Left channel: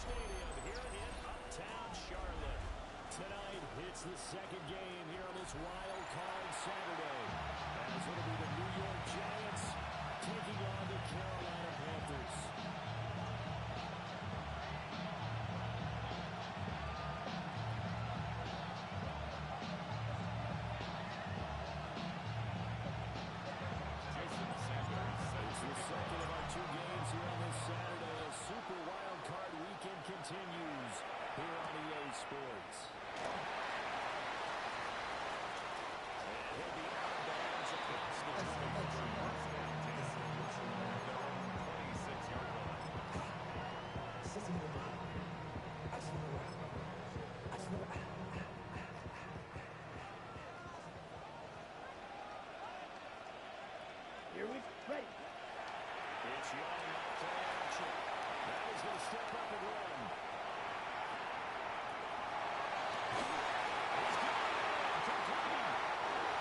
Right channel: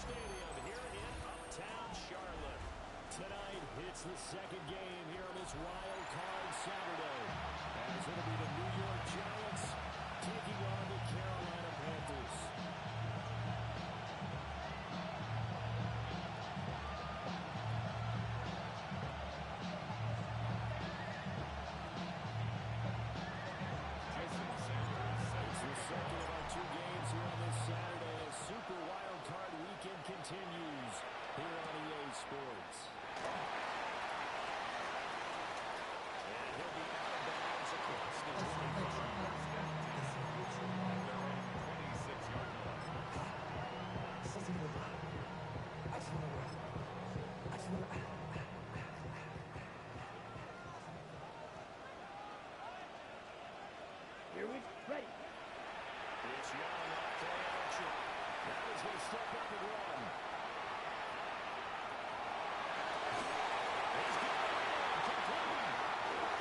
Stadium here in Uptown Charlotte. Tonight, it's the second game here on this Wild Card Saturday, as it'll be the New York Giants taking on the Carolina Panthers. It's the second of our two games here on this Saturday as Super Wild Card Weekend continues here on EA Sports. And he'll be out of bounds across the 25. At their own 26-yard line. Here we ready. It's Young off play action. Now he's going to step up and run. He's got it. Complete.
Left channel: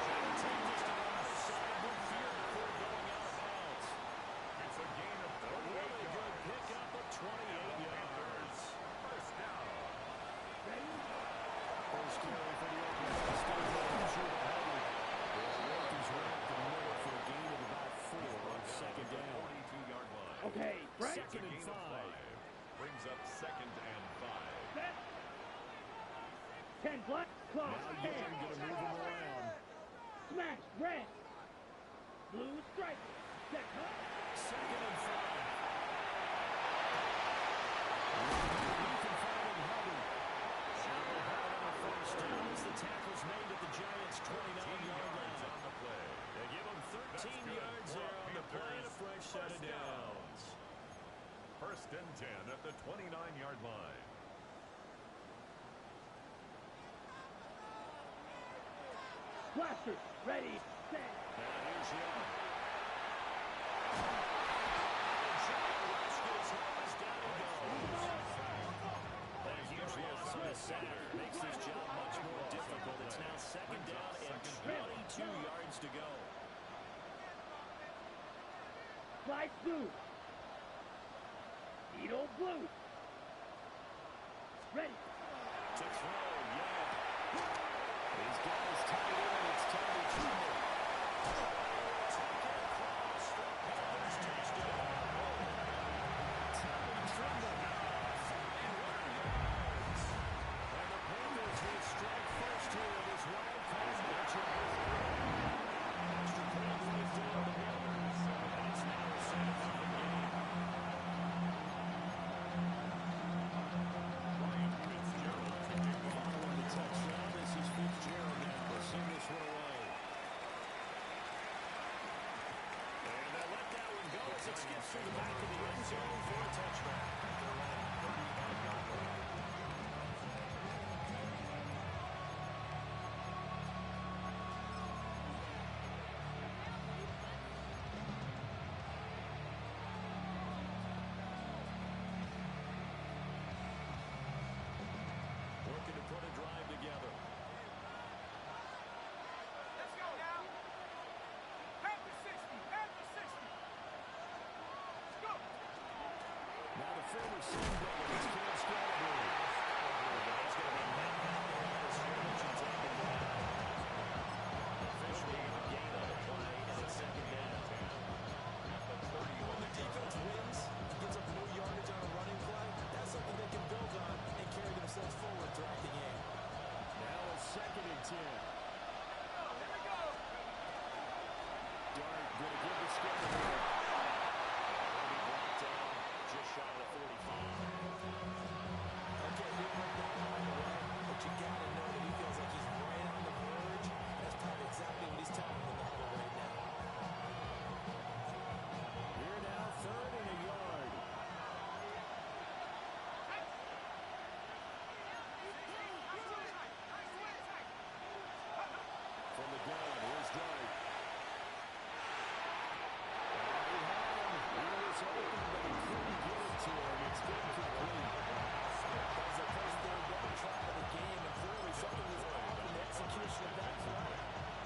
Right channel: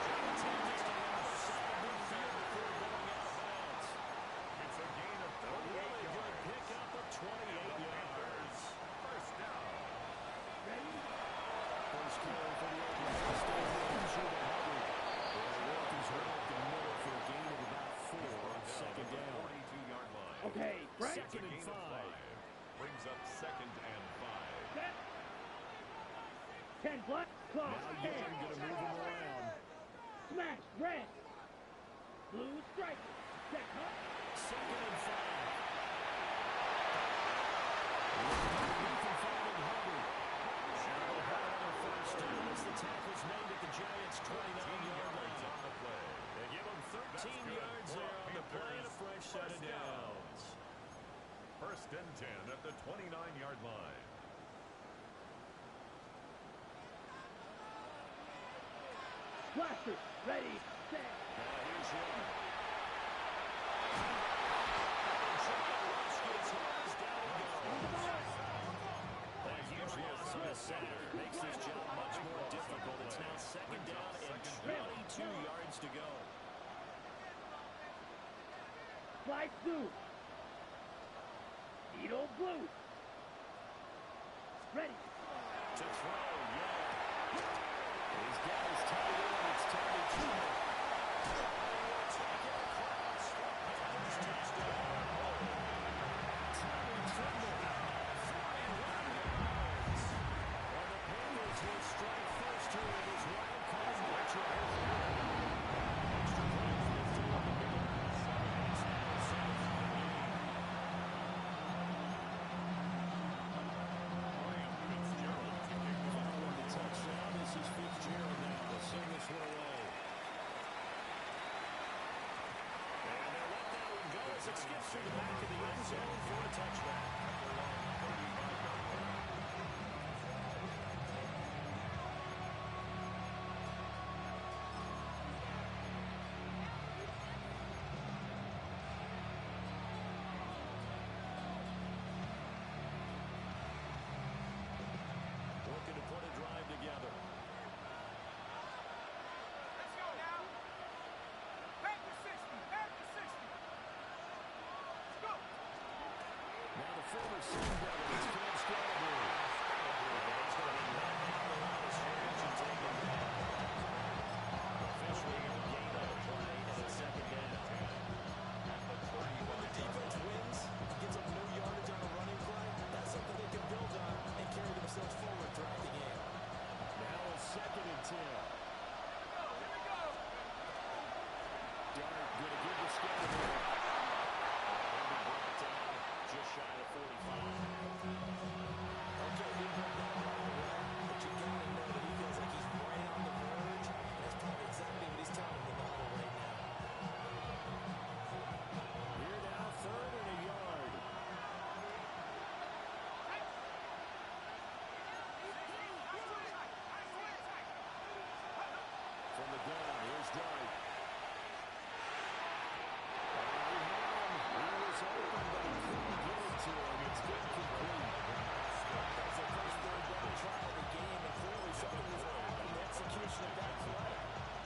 Trying to take this to the other side midfield before going out of bounds. It's a gain of 38 yards. Really good pickup of 28 yards. First down. Ready? First carry for the Oklahoma State man, Chuba Hubbard. They'll work his way up the middle for a gain of about 4 on second down. 42-yard line. Okay, right. Second and 5. Brings up 2nd and 5. Set. 10 black. Close. Now Young going to move him around. Smash. Red. Blue striker. Set. Huh? Second and 5. Underneath and finding Hubbard. Now they have another first down as the tackle's made at the Giants' 29-yard line. On the play. They give him 13 yards there on the play and a fresh set of downs. First and 10 at the 29-yard line. Blasters. Ready. Set. Now here's Young. And Giant rush gets home. Down he goes. A huge loss on the center makes this job much more difficult. It's now second down and 22 yards to go. Slice blue. Needle blue. Ready. To throw, Young. He's got his tight end. It's Tommy Trimble. He will take it across for Panthers touchdown. Tommy Trimble. 41 yards. And the Panthers will strike first here in his wild card matchup. Extra point for the Panthers. And it's now a 7-0 game. Ryan Fitzgerald to kick off. Following the touchdown, this is Fitzgerald now. They'll send this one away. And they'll let that one go as it skips through the back of the end zone for a touchback. At their own 35-yard line. Looking to put a drive together. Let's go now. Panther 60. Panther 60. Let's go. Now the former Sun Devil is Cam Scatterbury. He's going to be met at the line of scrimmage and taken down. Officially a gain on the play and it's second down. At the 31. When the defense wins, gets up no yardage on a running play, that's something they can build on and carry themselves forward throughout the game. Now a second and 10. Here we go. Dart going to give the Scatterbury. He'll be brought down just shy of 45. Okay, didn't break down all the way, but you got to know that he feels like he's right on the verge, and that's probably exactly what he's telling him in the huddle right now. Here now, third and a yard. From the gun, here's Dart. He had him. He was open, but he couldn't get it to him. It's incomplete. That was their first third down try of the game, and clearly something was off in the execution of that play.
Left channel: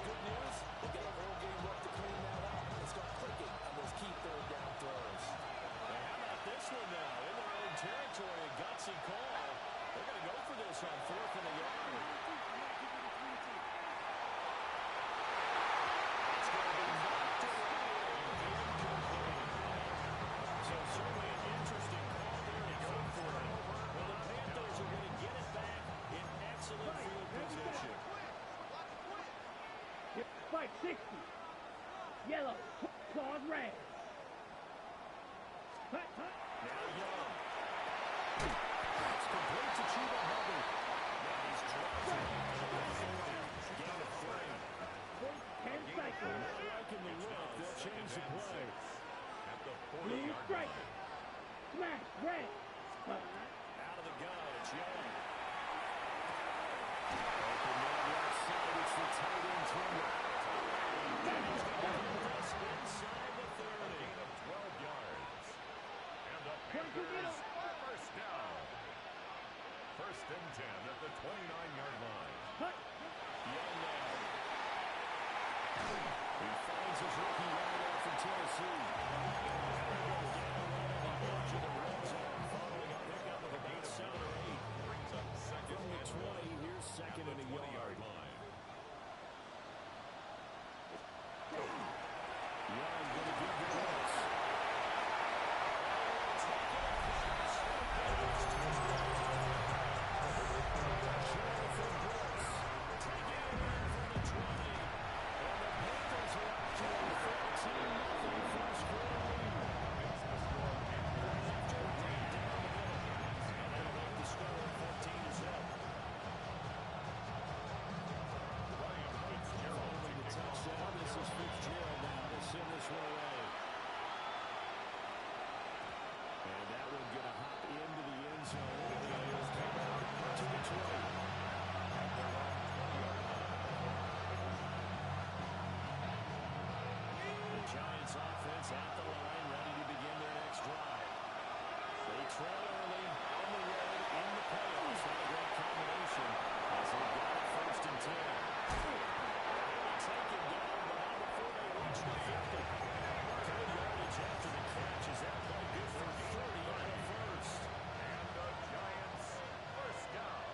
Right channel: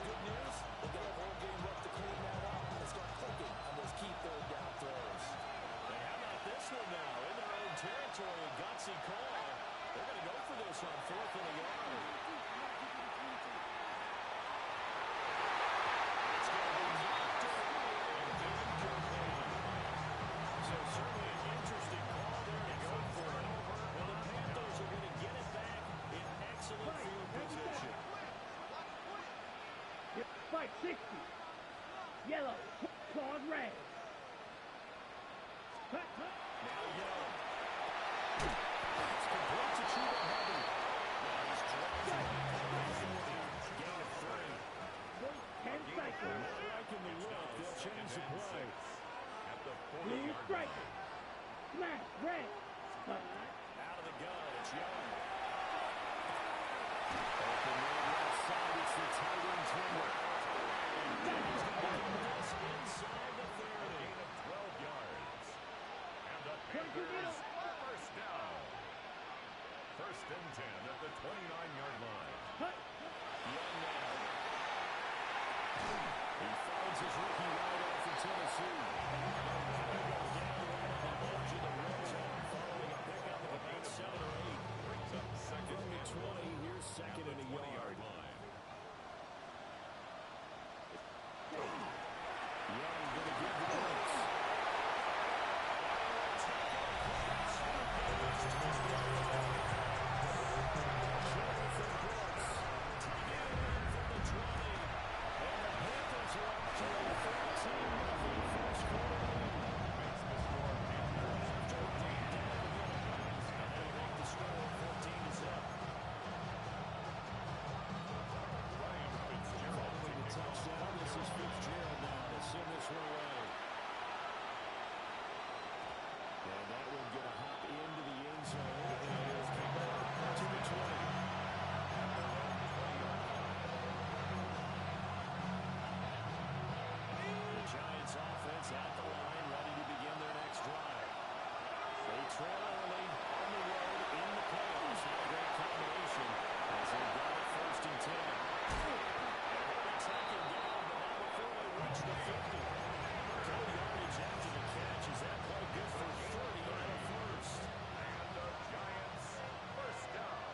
Good news, they've got a whole game left to clean that up and start clicking on those key third down throws. Hey, how about this one now? In their own territory, a gutsy emergency call. They're going to go for this on 4th and a yard. It's going to be knocked away and incomplete. So certainly an interesting call there to go for it. Well, the Panthers are going to get it back in excellent field position. Spike 60. Yellow. Claws red. Hut, hut. Now Young. It's complete to Chuba Hubbard. Now he's dropped right at the 40. Gain of 3. 10 cycles. Not liking the look. They'll change the play. At the Blue 40-yard strike. line. Smash red. Out of the gun. It's Young. Open man left side. It's the tight end Trimmer. And he's going to put this inside the 30. Gain of 12 yards. And the Point to Panthers middle. first down. First and 10 at the 29-yard line. Hut. Young now. He finds his rookie wideout from Tennessee. Down right on the edge of the red zone following a pickup of about 7 or 8. Brings up second From the and 20, here's second and a yard. 20-yard line. Young going to give the blitz. Taking across. Jonathan Brooks taking it in from the 20. And the Panthers are up to a 13-0 first quarter lead. Makes the score Panthers After a 14. break down the middle. And that'll make the score 14-0. Ryan Fitzgerald Following the to kick off touchdown, this is Fitzgerald now to send this one away. And that one going to hop into the end zone. And it'll come out to the 20. at their own 20-yard line. The Giants offense at the line, ready to begin their next drive. They trail early on the road in the playoffs. Not a great combination as they've got it first and 10. And they're going to take him down, but not before they reach the 50. Good yardage after the catch. Is that play good for 30 and a first? And the Giants first down.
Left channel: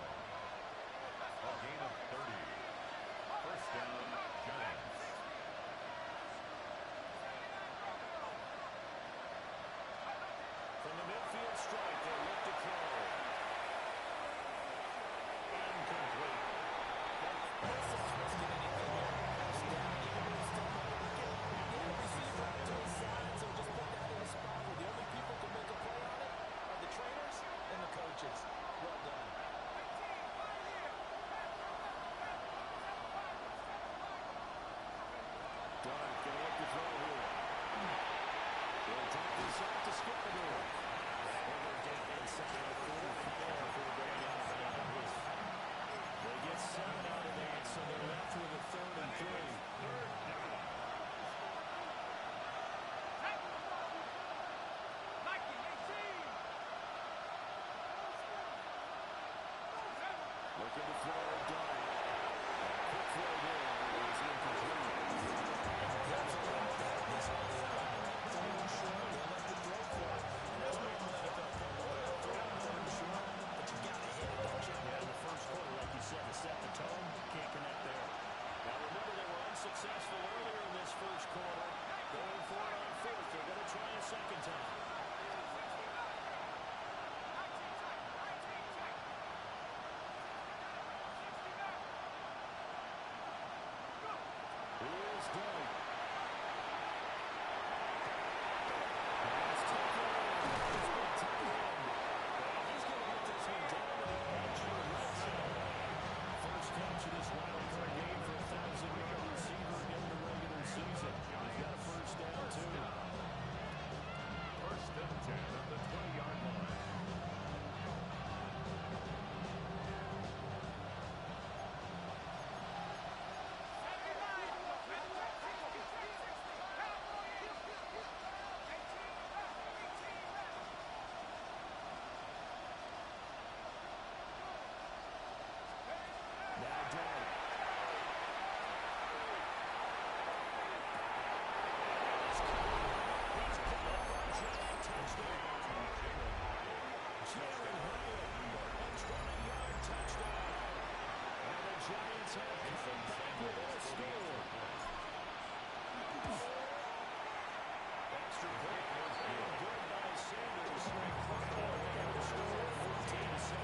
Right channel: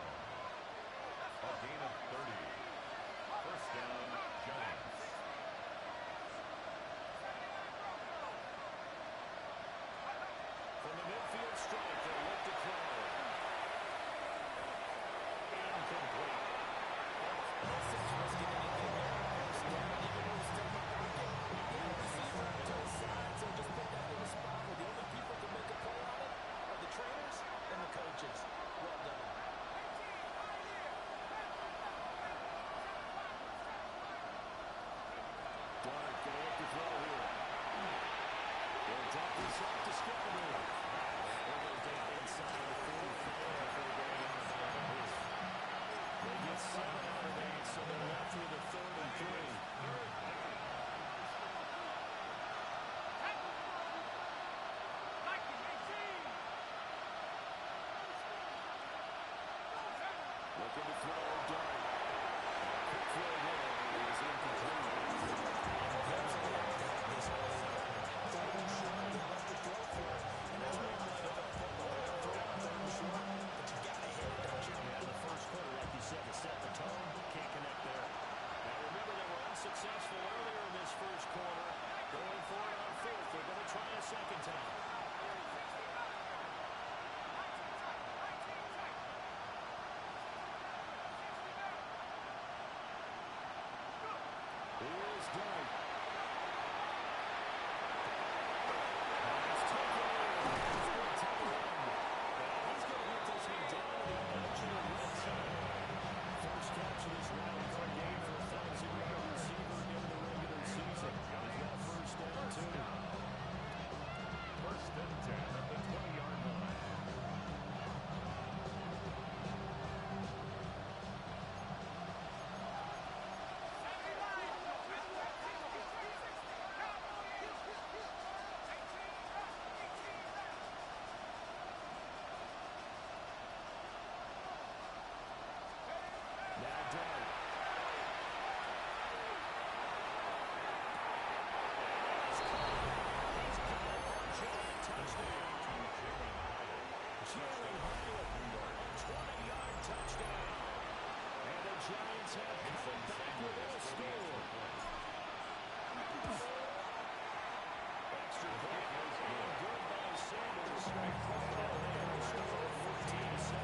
A gain of 30. First down, Giants. From the midfield stripe, they'll look to throw. Incomplete. No sense risking anything there. First down, even though he's still not working. You have a receiver out to his side, so just put that in a spot where the only people who can make a play on it are the trainers and the coaches. Well done. Dark going to look to throw here. They'll dump this off to Scottaboo. And he'll go down inside the 45 before going out of bounds. They get 7 out of that, so they're left with a 3rd and 3. Third down. Looking to throw, Dart. Quick throw there is incomplete. That's a lot to have this early on. Third and short, they left the throw for it. And that's normal NFL football. Throw on third and short, but you got to hit it, don't you? Yeah, in the first quarter, like you said, to set the tone, can't connect there. Now remember, they were unsuccessful earlier in this first quarter. Going for it on 4th. They're going to try a second time. Here's Dart. Pass taken in. He's going to tuck it in. And he's going to get this one down to the edge of the red zone. First catch of this wild card game for a 1,000-yard receiver in the regular season. He's got a first down, too. First and 10 at the 20-yard line. Now Dart. He's got it for a giant touchdown. To Jalen Hyatt. Jalen Hyatt, a 20-yard touchdown. And the Giants have come back with a score. Extra point and good by Sanders. They'll make the score 14-7.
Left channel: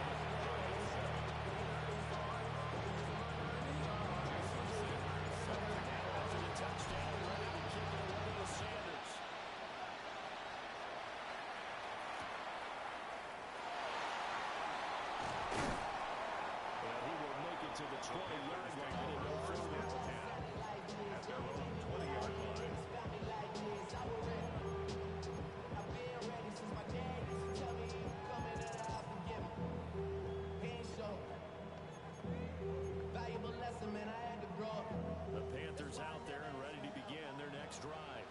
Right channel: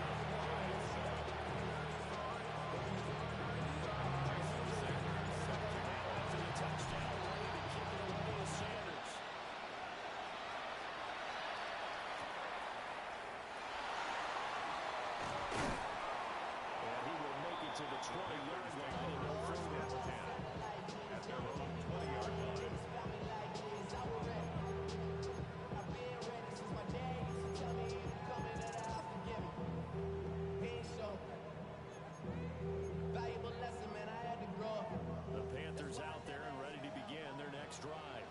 After the touchdown, ready to kick it away is Sanders. And he will make it to the 20-yard line and no further. At their own 20-yard line. The Panthers out there and ready to begin their next drive.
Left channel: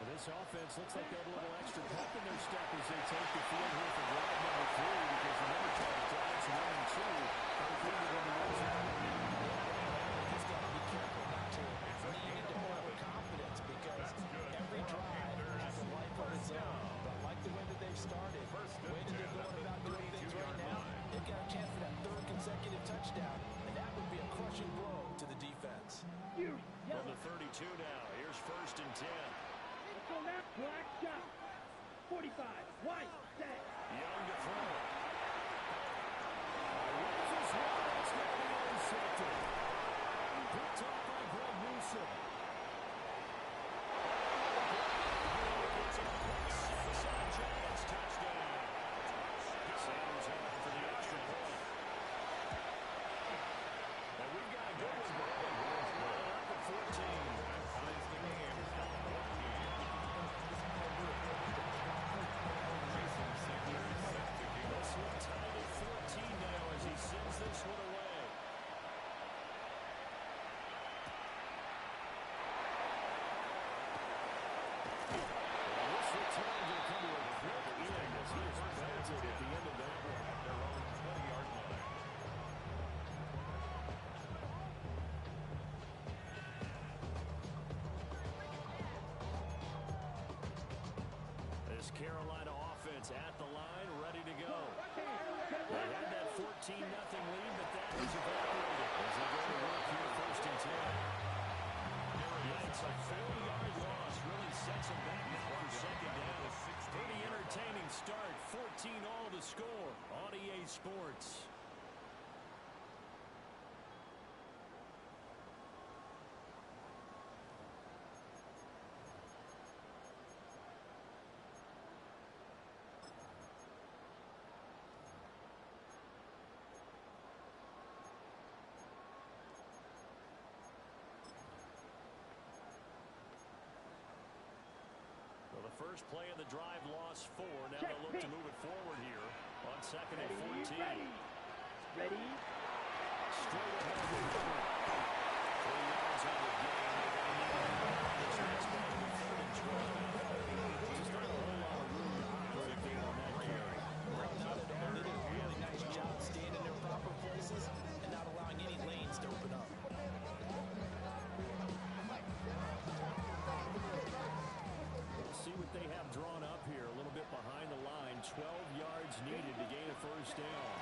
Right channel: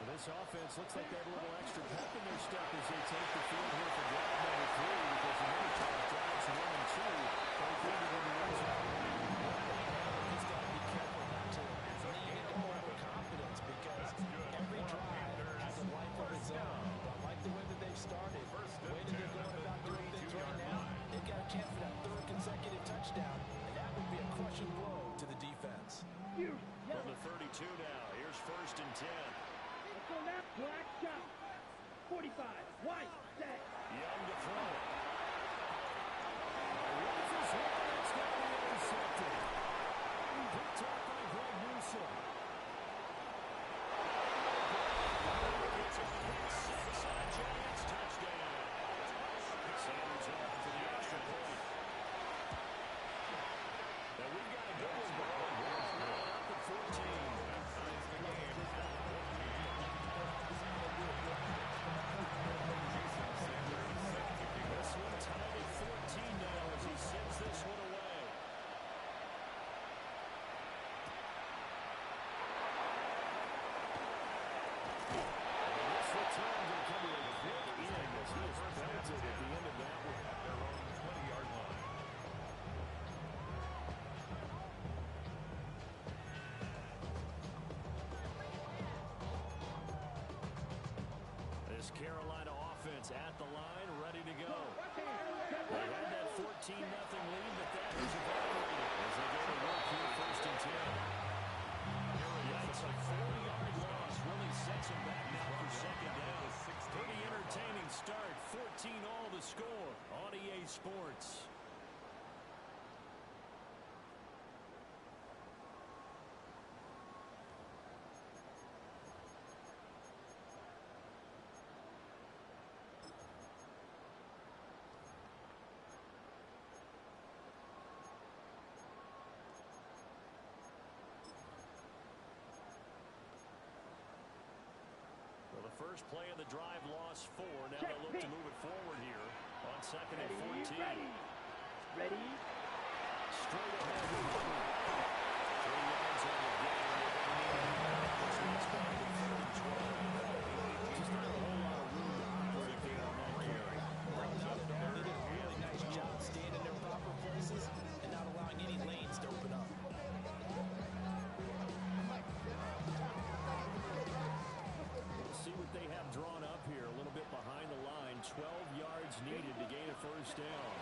Well, this offense looks like they have a little extra pep in their step as they take the field here for drive number 3, because remember, Charles, drives 1 and 2 both ended in the red zone. He's got to be careful not to lean into overconfidence, because every drive has a life of its own. But I like the way that they've started. The way that they're going about doing things right now, they've got a chance for that 3rd consecutive touchdown, and that would be a crushing blow to the defense. From the 32 now, here's 1st and 10. Let's go now. Black shot. 45. White. Set. Young to throw it. Rifles one. It's going to be intercepted. Picked off by Greg Newsom. It's a quick 6 on a Giants touchdown. Sanders on for the extra point. And we've got a good one going. We're up at 14. That ties the game at 14. Jason Sanders set to kick This off. one tied at 14 now as he sends this one away. And this return will come to a quick end as he is belted at the end of that one. At their own 20-yard line. This Carolina offense at the line, ready to go. They had that 14-0 lead, but that has evaporated as they go to work here 1st and 10. Yikes, a 40-yard loss really sets them back now for 2nd down. Pretty entertaining start, 14 all to score on EA Sports. Well, the first play of the drive lost 4. Now they'll look to move it forward here on 2nd and 14. Ready. Straight ahead with Hubbard. 3 yards on the game. They're going to need to do better on this next play. 3rd and 12. Just not a whole lot of room to operate there on that carry. Not at all. They did a really nice job staying in their proper places and not allowing any lanes to open up. See what they have drawn up here. A little bit behind the line. 12 yards needed to gain a 1st down.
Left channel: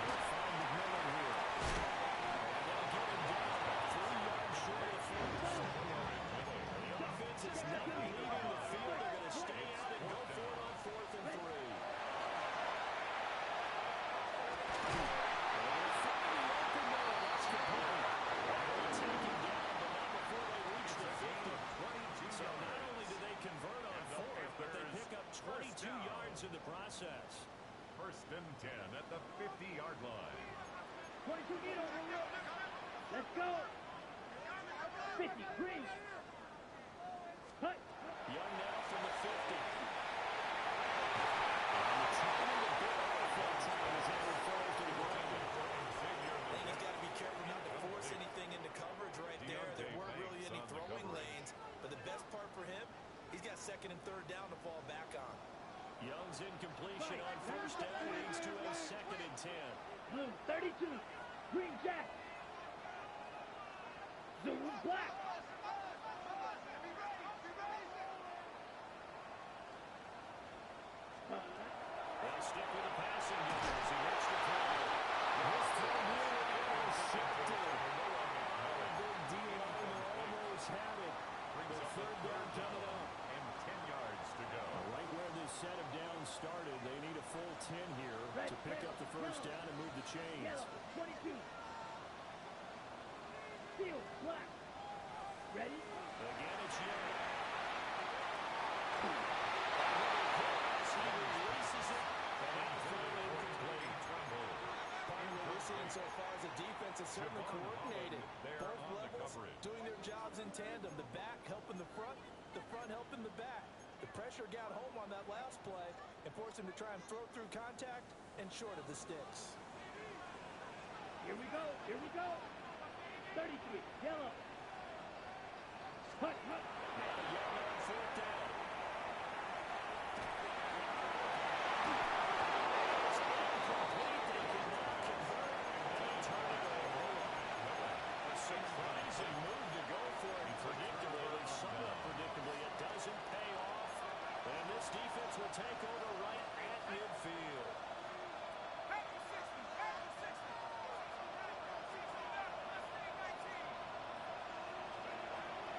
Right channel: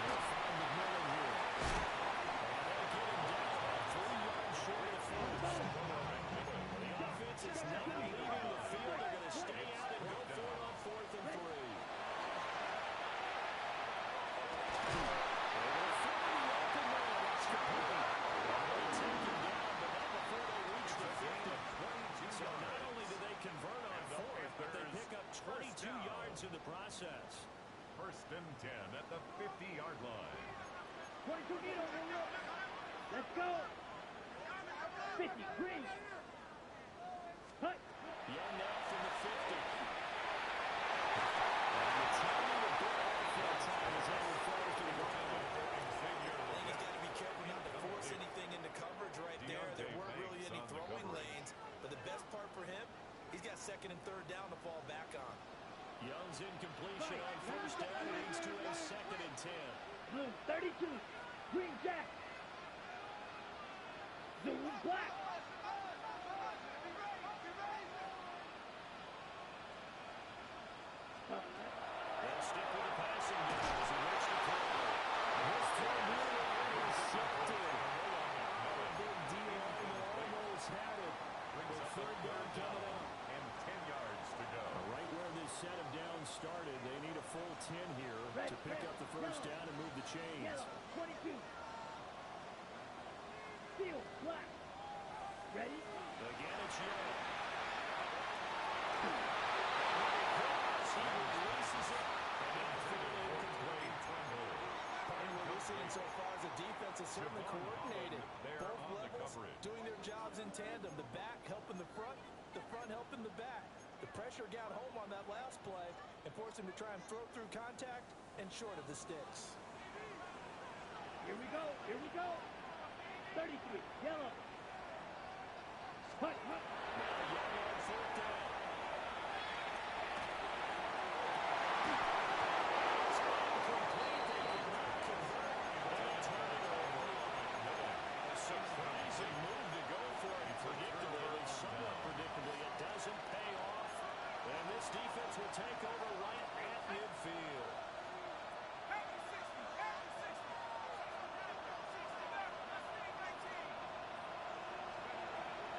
They'll find McMillan here. And they'll get him down about 3 yards short of the 1st. The offense is not leaving the field. They're going to stay out and go for it on 4th and 3. They'll find the open man. That's complete. They'll take him down, but not before they reach the 50. So not only do they convert on 4th, but they pick up 22 yards in the process. 1st and 10 at the 50-yard line. 22 get over. Let's go. 50. Green. Hut. Young now from the 50. And the timing a bit off that time as that one falls to the ground. I think he's got to be careful not to force anything into coverage right there. There weren't really any throwing lanes, but the best part for him, he's got 2nd and 3rd down to fall back on. Young's incompletion on 1st down leads to a 2nd and 10. Blue. 32. Green Jack. Zoom black. 2nd stick with the passing game as he looks to throw. His throw nearly intercepted. A big D-lineman almost had it. The third down coming up. And 10 yards to go. Right where this set of downs started, they need a full 10 here to pick up the first down and move the chains. Yellow, 22. Field, black. Ready? Again, it's Young. And when he cross, he releases it. And outfield incomplete. And what we're seeing so far is the defense is certainly coordinated. Both levels doing their jobs in tandem. The back helping the front helping the back. The pressure got home on that last play and forced him to try and throw through contact and short of the sticks. Here we go. Here we go. 33. Yellow. Hut, hut. Now Young on fourth down. It's incomplete. They could not convert. And they turn it over. A surprising move to go for it. Predictably, somewhat predictably, it doesn't pay off. And this defense will take over right at midfield.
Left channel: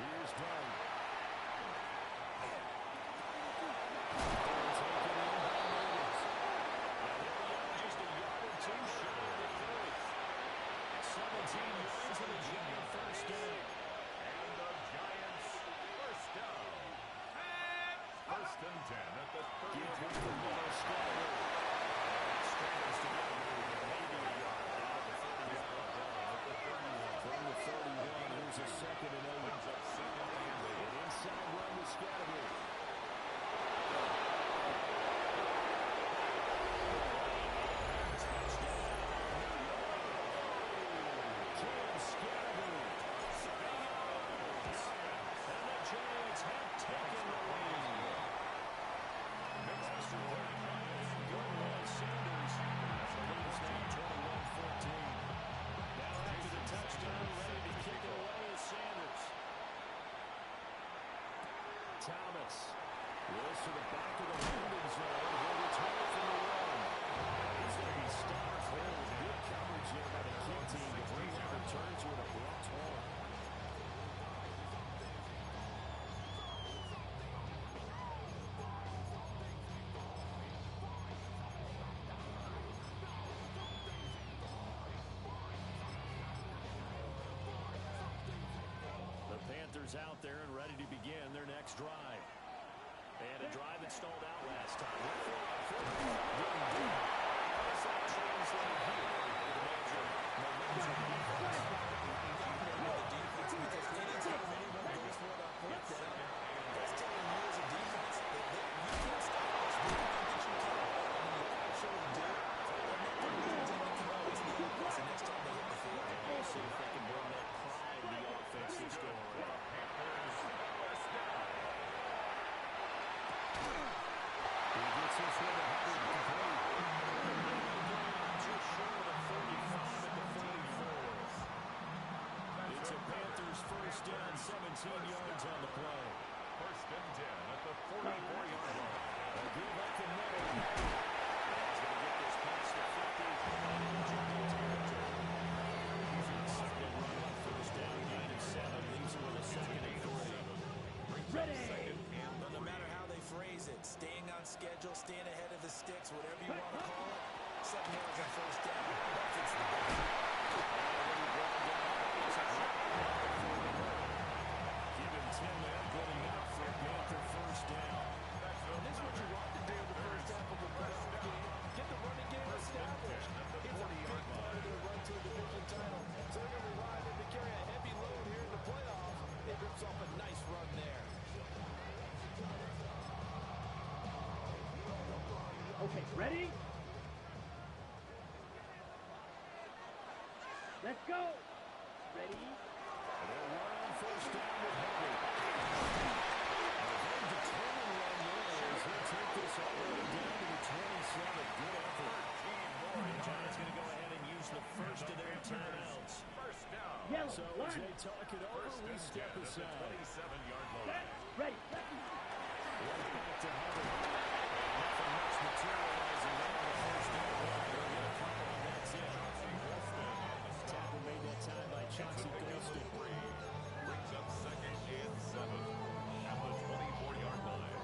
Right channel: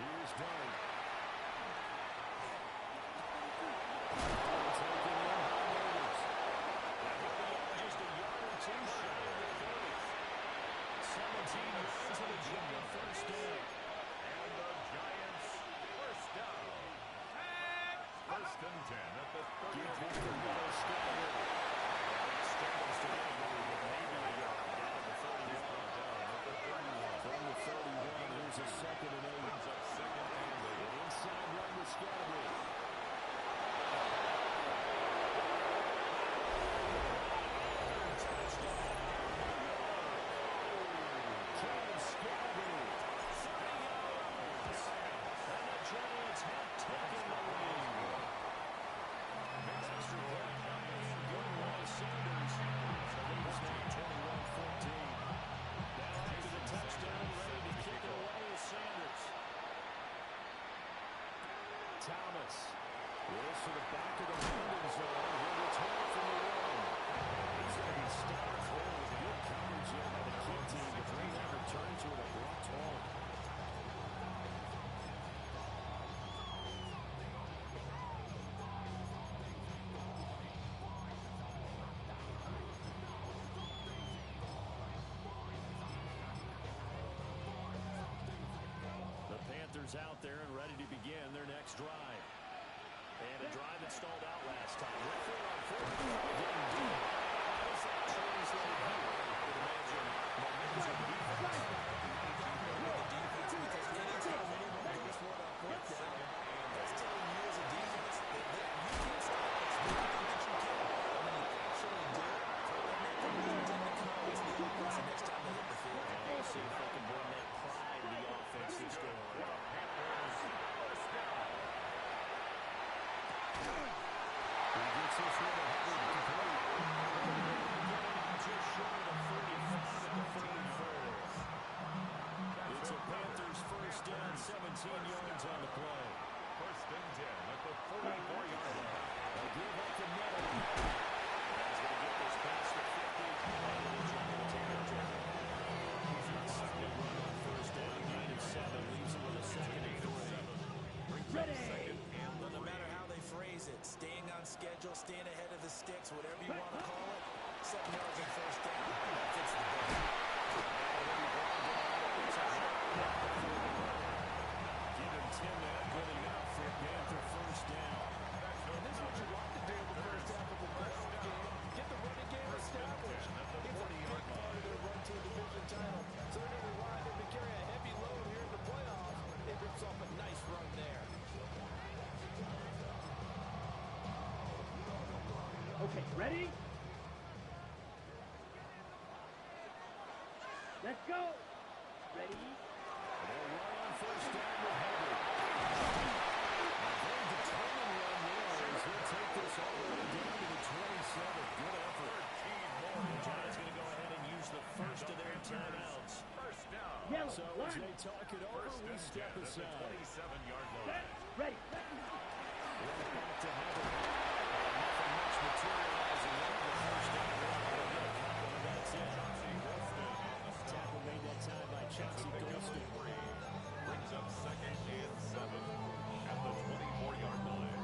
Here's Dunn. Taken in by Natives. And he'll be out just a yard or two shy of the 30. 17 yards to the Giant first down. And the Giants first down. First and 10 at the 30. Give it to Meadow Scatterer. And that straggles to get maybe a yard down at the 31. From the 31, here's a second and 8. Brings up second and 8. An inside run to Scatterer. Touchdown, New York. Cam Scatterer. 3 yards. And the Giants have taken the lead. Extra point and good by Sanders. The lead is now 21-14. Now after the touchdown, ready to kick it away is Sanders. Thomas. This to the back of the landing zone. He'll return it from the one. He's going to be stopped there with good coverage there by the kick team to bring that return to an abrupt halt. Panthers out there and ready to begin their next drive. And a drive that stalled out last time. Went for it on fourth. Didn't do it. How does that translate here? With a major momentum defense. The defense, because anytime anyone goes for it on fourth down, that's telling you as a defense that you can't stop this. You think that you can. And when you actually do, then that can lead to the command to the offense the next time they hit the field. And we'll see if they can bring that pride to the offense this go around. Panthers first down. He gets this one to Hubbard complete. Just short of the 35 at the 44. It's a Panthers first down, 17 yards on the play. First and 10 at the 44-yard line. A give up the middle. He's going to get this past the 50 and into Giant territory. Solid run on first down, gain of 7, leaves him with a second and 3. Ready. But no matter how they phrase it, staying on schedule, staying ahead of the sticks, whatever you want to call it, 7 yards on first down, that fits the bill. Give him 10 there, good enough for a Panther first down. And this is what you want to do in the first half of a playoff game. Get the running game established. It's a big part of their run to a division title. So they're going to rely on him to carry a heavy load here in the playoffs. It rips off a nice run there. Okay, ready? Let's go. Ready? They'll run on first down with Hubbard. A very determined run there as he'll take this all the way down to the 27. Good effort. The Giants going to go ahead and use the first of their timeouts. First down. Yellow. So as they talk it over, we step aside. 27-yard Set. line. Ready. Right back to Hubbard. And nothing much materializing there in the first down run. They'll get a couple, and that's it. Tackle made that time by Chauncey Golston. Brings up second and 7 at the 24-yard line.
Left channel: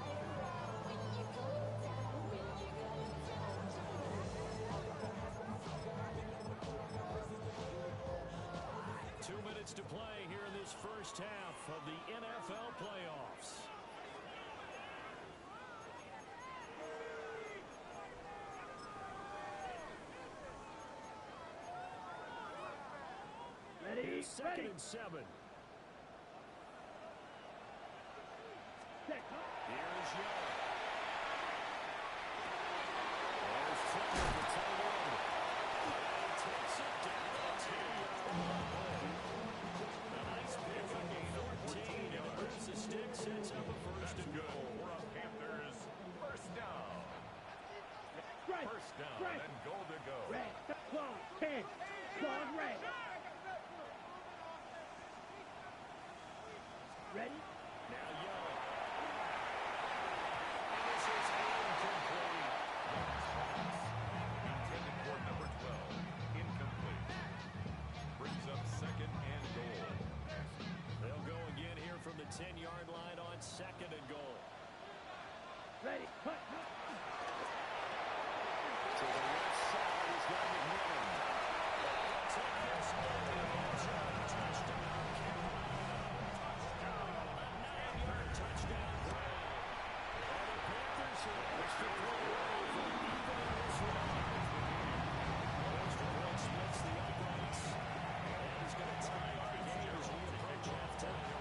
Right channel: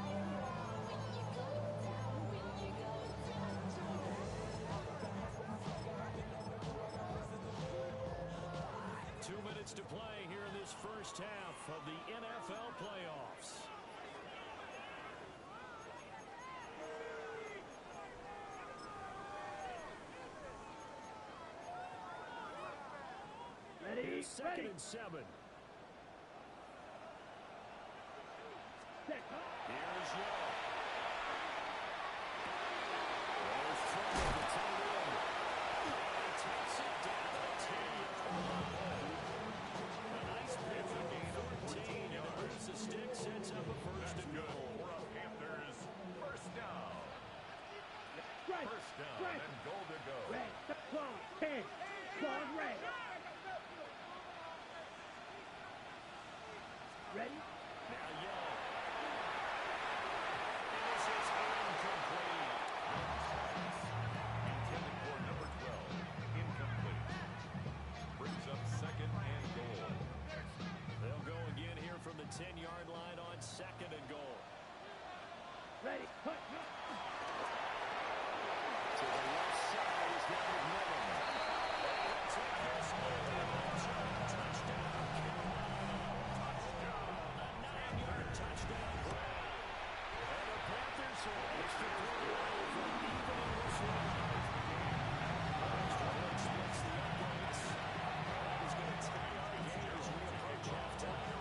To play here in this first half of the NFL playoffs. Ready? Here's second Ready. and 7. Set. Huh? Here's Young. There's trouble at the tight end. And he takes it down to the 10-yard line. A nice pick up of 14, and it moves the stick, sets up a first and goal. For a Panthers first down. Right. First down Right. and goal to go. Red. Claw. 10. Claw red. Ready? Now Young. And this is incomplete. Young's pass intended for number 12. Incomplete. Brings up second and goal. They'll go again here from the 10-yard line on second and goal. Ready. Cut. To the left side, he's got McMillan. They'll take this into the end zone. Touchdown, Carolina. Touchdown. A 9-yard touchdown grab. And the Panthers are an extra point away from evening this one out. One extra point splits the uprights. That is going to tie our game as we approach halftime.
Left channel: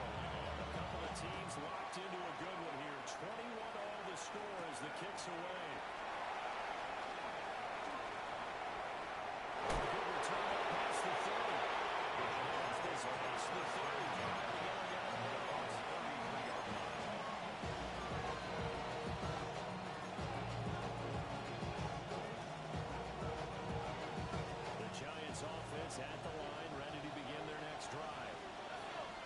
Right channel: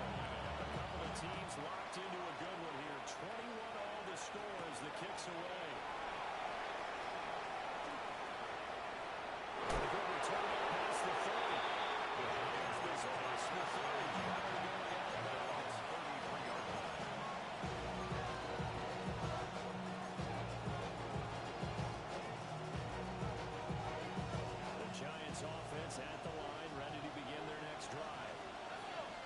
A couple of teams locked into a good one here. 21 all the score as the kick's away. A good return up past the 30. That's this past the 30 prior to going out of bounds. 33-yard line. The Giants offense at the line, ready to begin their next drive.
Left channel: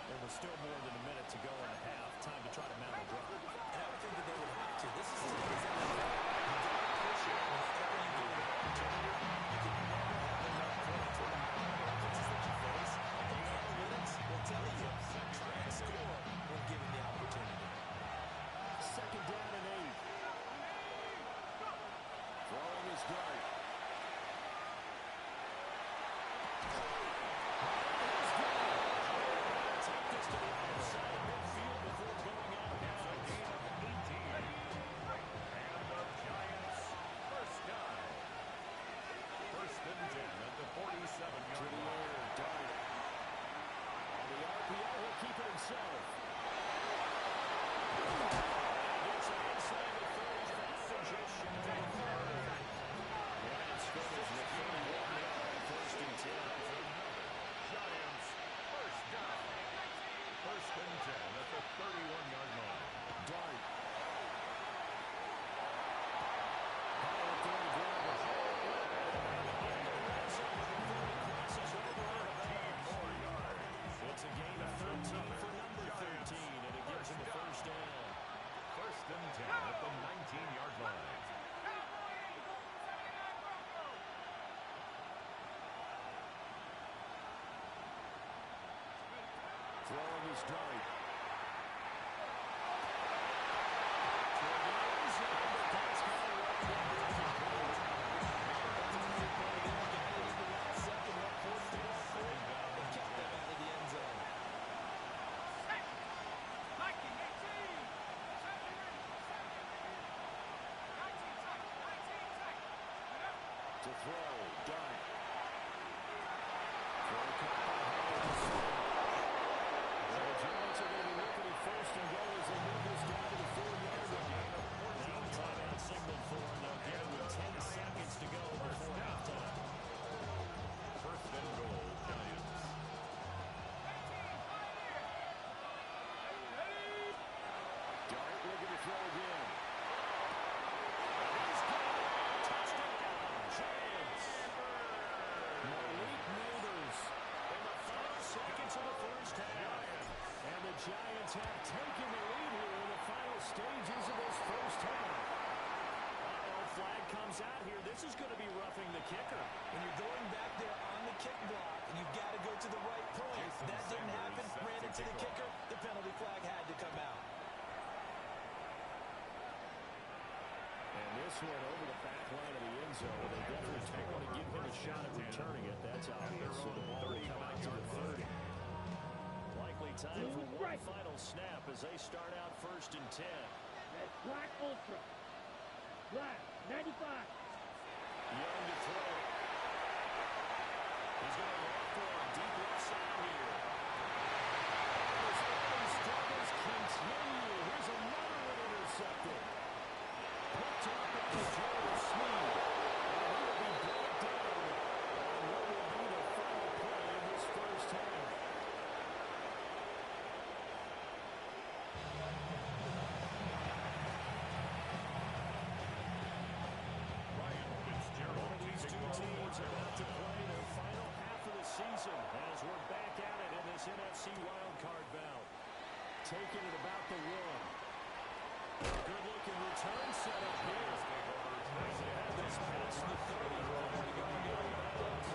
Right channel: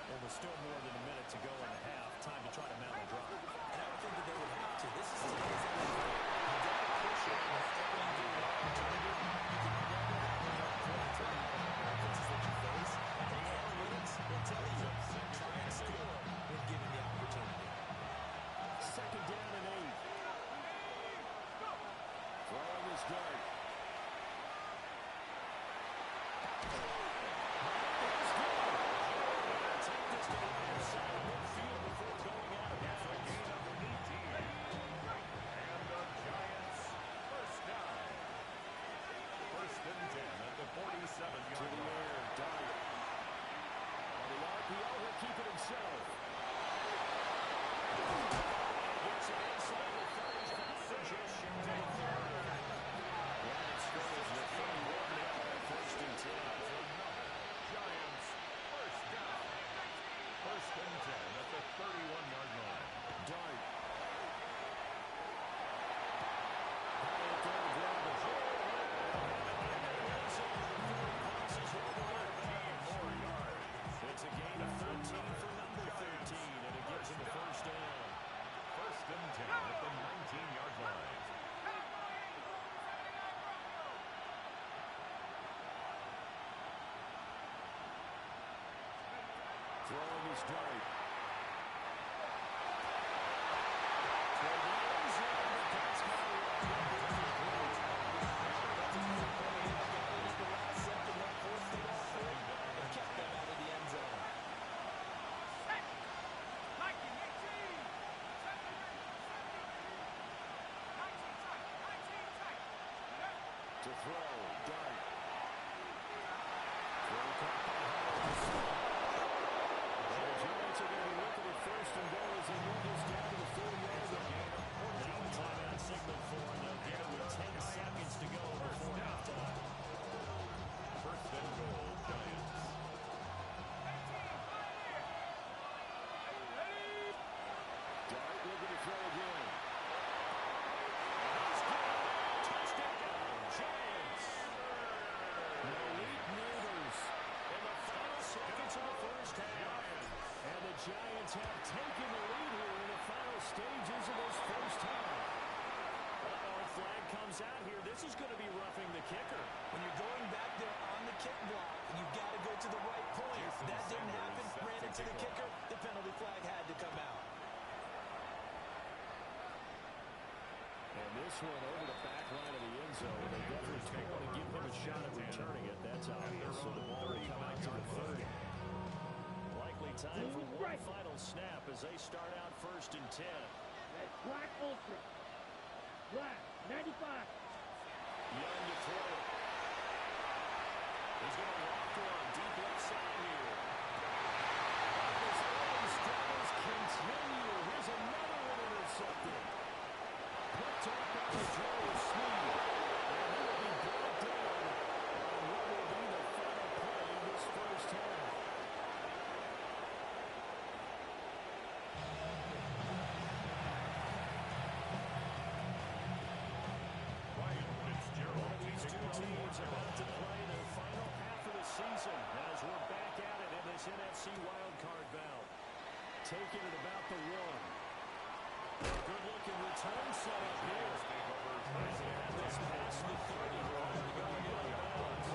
And with still more than a minute to go in the half, time to try to mount a drive. And I would think that they would have to. This is today's NFL. You got to push it whenever you get an opportunity. You can never have enough points with the offenses that you face. And the analytics will tell you, try and score when given the opportunity. Second down and 8. Throwing his dart. Take this to the other side of midfield before going out of It's a bounds. gain of 18. And the Giants first down. First and 10 at the 47-yard To the line. air, Dart. On the RPO, he'll keep it himself. And he gets it inside the 35, just shy of the 30. Line of scrimmage at 31 now on first and 10. Giants first down. First and 10 at the 31-yard line. Dart. High up there to grab it. And in the red zone before he crosses over out of 13 bounds. more yards. It's a gain of 13 for number 13, and it gives him a first down. First and 10 at the 19-yard line. Throwing his dart. Toward the end zone, but that's going to wind up incomplete. That's a great play there. Got it at the last second. That forced the ball through and kept them out of the end zone. To throw, dart. Throw caught by Howard. And the Giants are going to be looking at first and goal as they move this down to the 4-yard line. Now a timeout signaled for, and they'll get it with 10 seconds to go before halftime. First and goal, Giants. Dart looking to throw again. And he's got it. Touchdown, Giants. Malik Neighbors in the final seconds of the first half. And the Giants have taken the lead here in the final stages of this first half. Uh-oh, flag comes out here. This is going to be roughing the kicker. When you're going back there on the kick block, you've got to go to the right point. That didn't happen. Ran into the kicker. The penalty flag had to come out. And this one over the back line of the end zone. They definitely don't want to give him a shot at returning it. That's obvious. So the ball will come out to the 30. Likely time for one final snap as they start out 1st and 10. That's Black Ultra. Black, 95. Young to throw it. He's going to loft one deep left side here. And his early struggles continue. Here's another one intercepted. Picked up by Joe Sneed. And he will be brought down on what will be the final play of this first half. One of these two teams about to play their final half of the season as we're back at it in this NFC wildcard bout. Taking it about the 1. Good-looking return set up here. As they have this past the 30, prior to going out of bounds.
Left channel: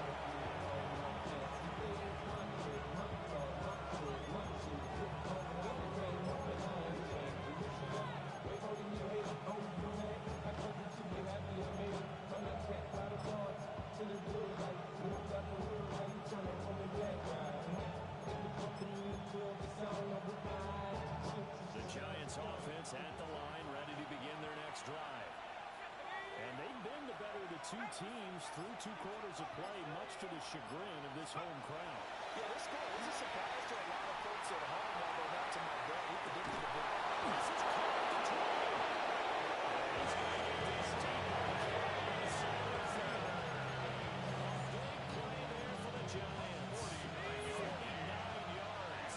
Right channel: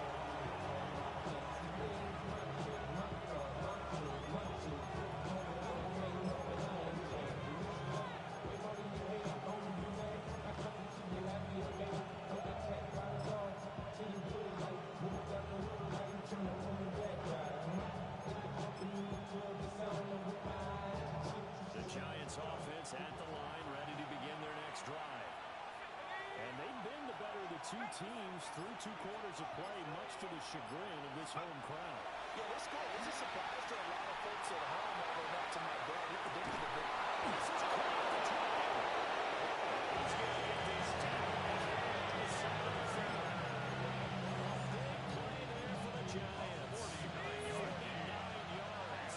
The Giants offense at the line, ready to begin their next drive. And they've been the better of the two teams through 2 quarters of play, much to the chagrin of this home crowd. Yeah, this score is a surprise to a lot of folks at home, although not to my dad. We predicted a bit. This is caught the try. He's going to get this deep right here on the side of the field. A big play there for the Giants. 49 yards.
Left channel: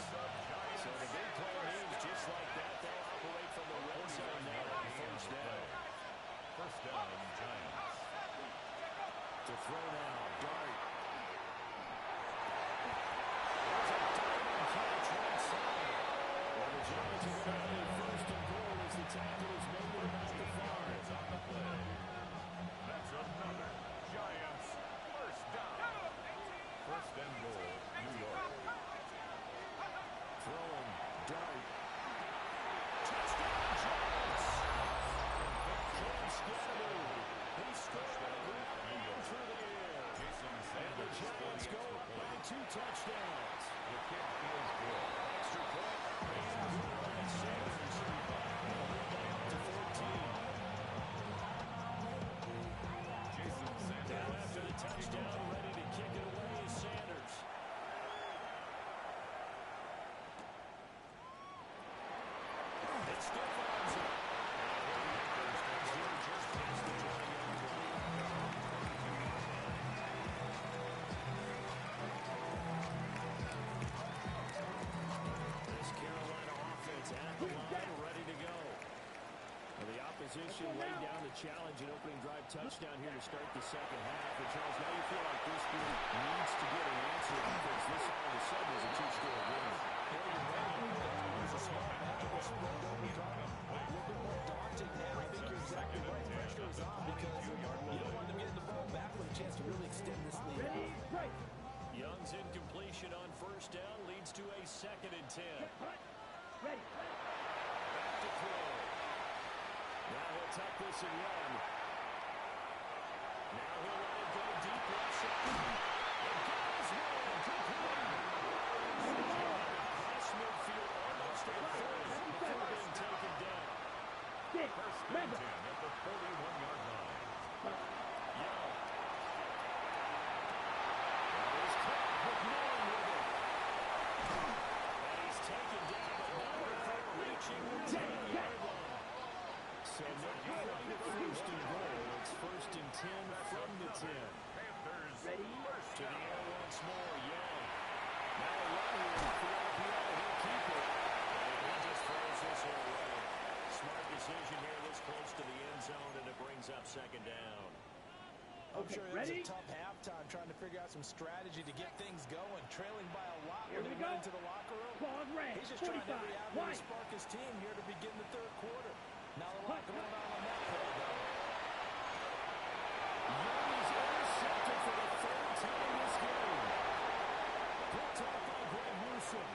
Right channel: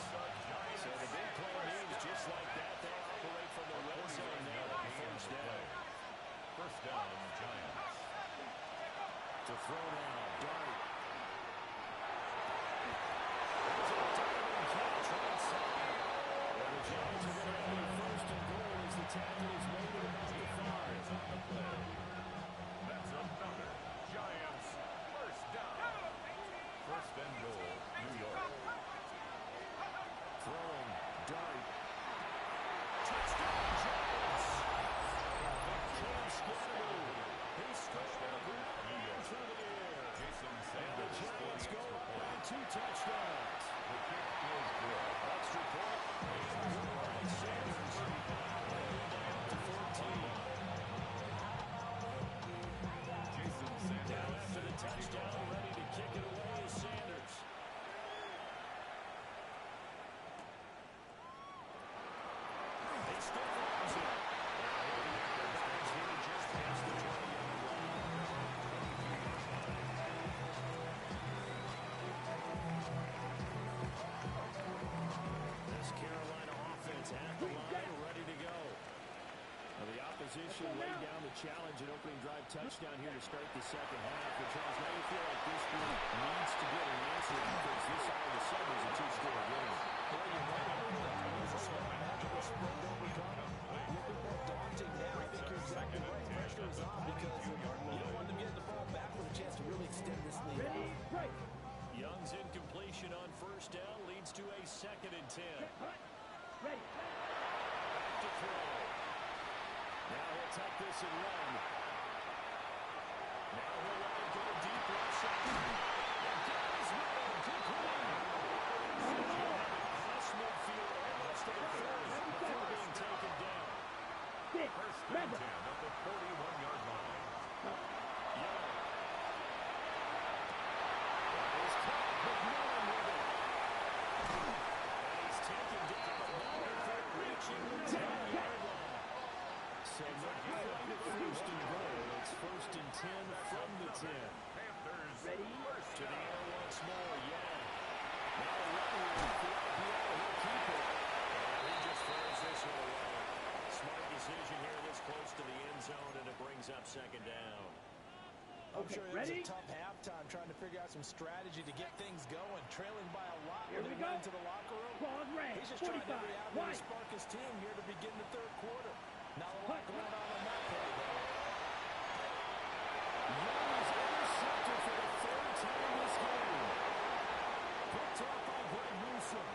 So the big play means just like that, they'll operate from the red zone now on 1st down. 1st down, Giants. To throw now, Dart. There's a diving catch right side. Well, the Giants are going to have their 1st and goal as the tackle is made at about the 5. On the play. That's another Giants 1st down. 1st and goal, New York. Throwing, Dart. Touchdown, Giants! Cam Scatterby. He scored on the ground through the air. And the Giants go by 2 touchdowns. The kick is good. Extra point and good by Sanders. And a lead down to 14. Jason Sanders. Now after the touchdown, ready to kick it away is Sanders. He stiff arms it. And he'll be at the bags here just past the 20-yard line. This Carolina offense at the line, ready to go. Well, the opposition laid down the challenge and opening drive touchdown here to start the second half. And Charles, now you feel like this group needs to get an answer because this all of a sudden is a 2-score game. Well, you're right. It was a small magical sprint overcome. A little bit more daunting now. I think you're exactly right. Pressure is on because you don't want them getting the ball back with a chance to really extend this lead. Ready, break. Young's incompletion on 1st down leads to a 2nd and 10. Ready. Back to throw. Now he'll tuck this and run. Now he'll let it go deep left side. The guy is man complete. Across midfield, almost at 30 before being taken down. 1st and 10 at the 41-yard line. Young. That is caught with Millen with it. And he's taken down, but not before reaching the 10-yard line. So not quite at 1st and goal. It's 1st and 10 from the 10. Panthers Ready? To the air once more, Young. Now a run here for RPO. He'll keep it. And he just throws this one away. Smart decision here this close to the end zone, and it brings up 2nd down. I'm Okay, sure it was ready? a tough halftime trying to figure out some strategy to get things going. Trailing by a lot Here when we he went go. into the locker room. Ball red. He's just trying 45. every avenue to White. spark his team here to begin the 3rd quarter. Not a lot going on that play, though. Young is intercepted for the third time this game. Picked off by Greg Newsome.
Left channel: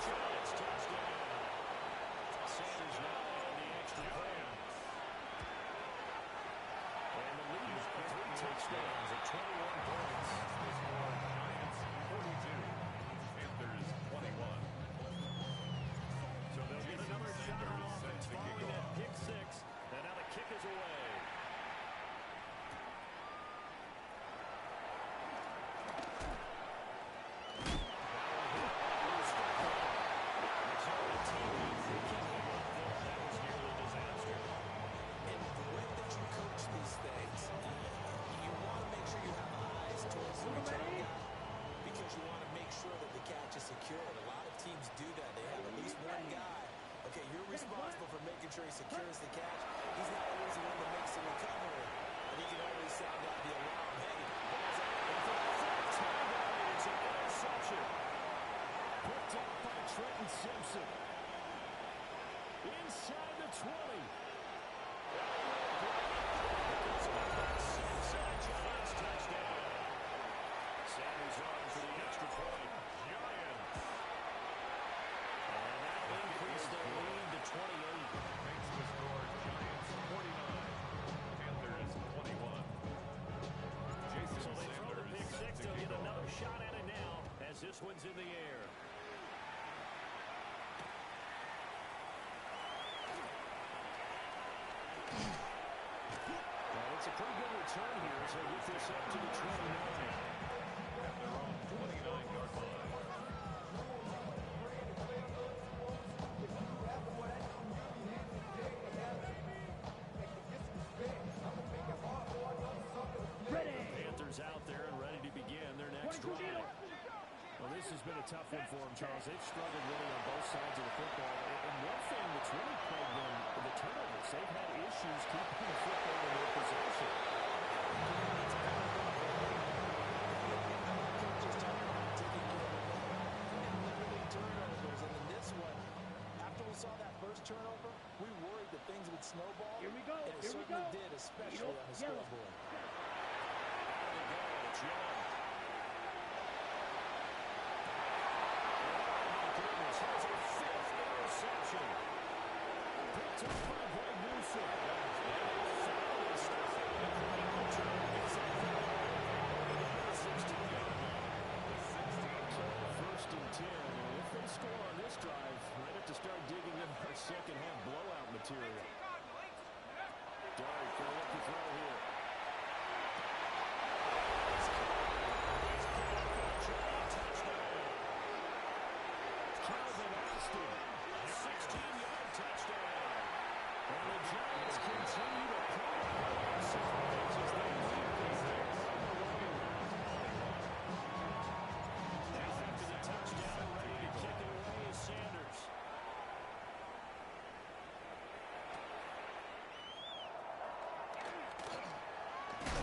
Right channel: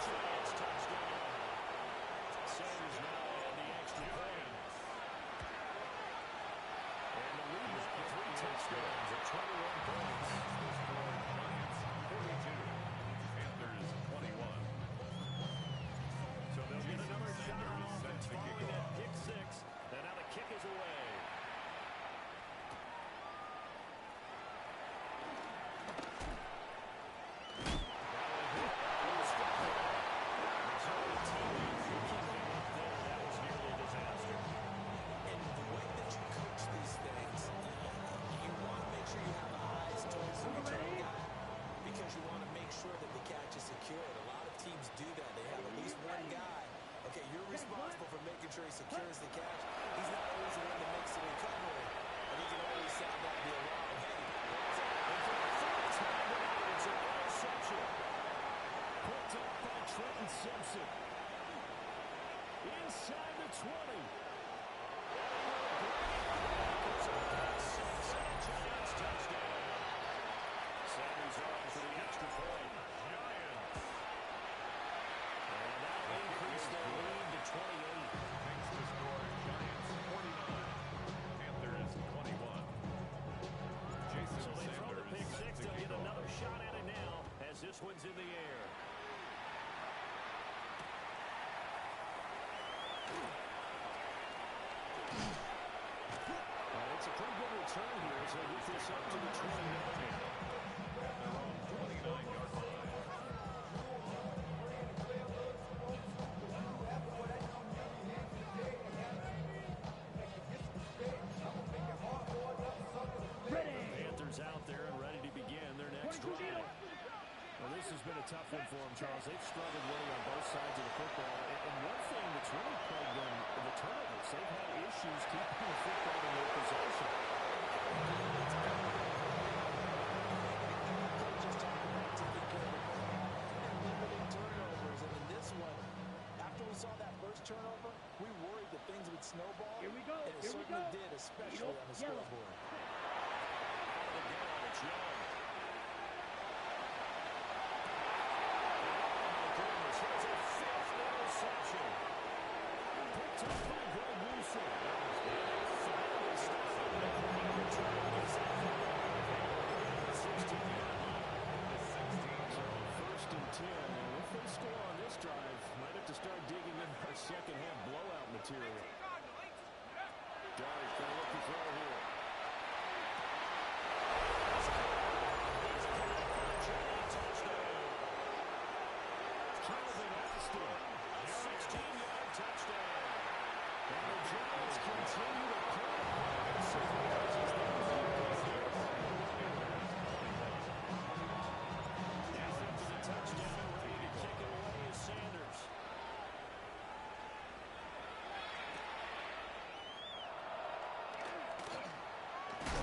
Giants touchdown. Sanders now on the extra point. And the lead now 3 touchdowns at 21 points. The score, Giants 42, Panthers 21. So they'll get another shot on offense following that pick six. And now the kick is away. Sure he secures the catch. He's not always the one that makes the recovery, but he can always sound out the alarm. Hey, ball's out. And for the third time tonight, it's an interception. Picked off by Trenton Simpson. Inside the 20. And he will bring it back. It's a pick six and a Giants touchdown. Sanders on for the extra point. Giants. And that'll increase their lead to 28. Makes the score Giants 49, Panthers 21. Jason So they throw the pick Sanders six. They'll get another shot at it now as this one's in the air. Well, it's a pretty good return here as they get this up to the 29. At their own 29-yard line. Panthers out there and ready to begin their next drive. Well, this has been a tough one for them, Charles. They've struggled really on both sides of the football. And one thing that's really plagued them, the turnovers. They've had issues keeping the football in their possession. Coaches talking about taking care of the ball and limiting turnovers. And in this one, after we saw that first turnover, we worried that things would snowball. Here we go. And it certainly did, especially on the scoreboard. Out of the gun, it's Young. Here's a fifth interception. Picked up by Greg Newsome. And they finally stop it with a great return. Gets that football down the 16-yard line. So first and 10. And if they score on this drive, might have to start digging in our second half blowout material. Dart going to look to throw here. He's got it for a giant touchdown. Calvin Austin, a 16-yard touchdown. And the Giants continue to pull away surprise as they lead this game on the road. Now after the touchdown, ready to kick it away is Sanders.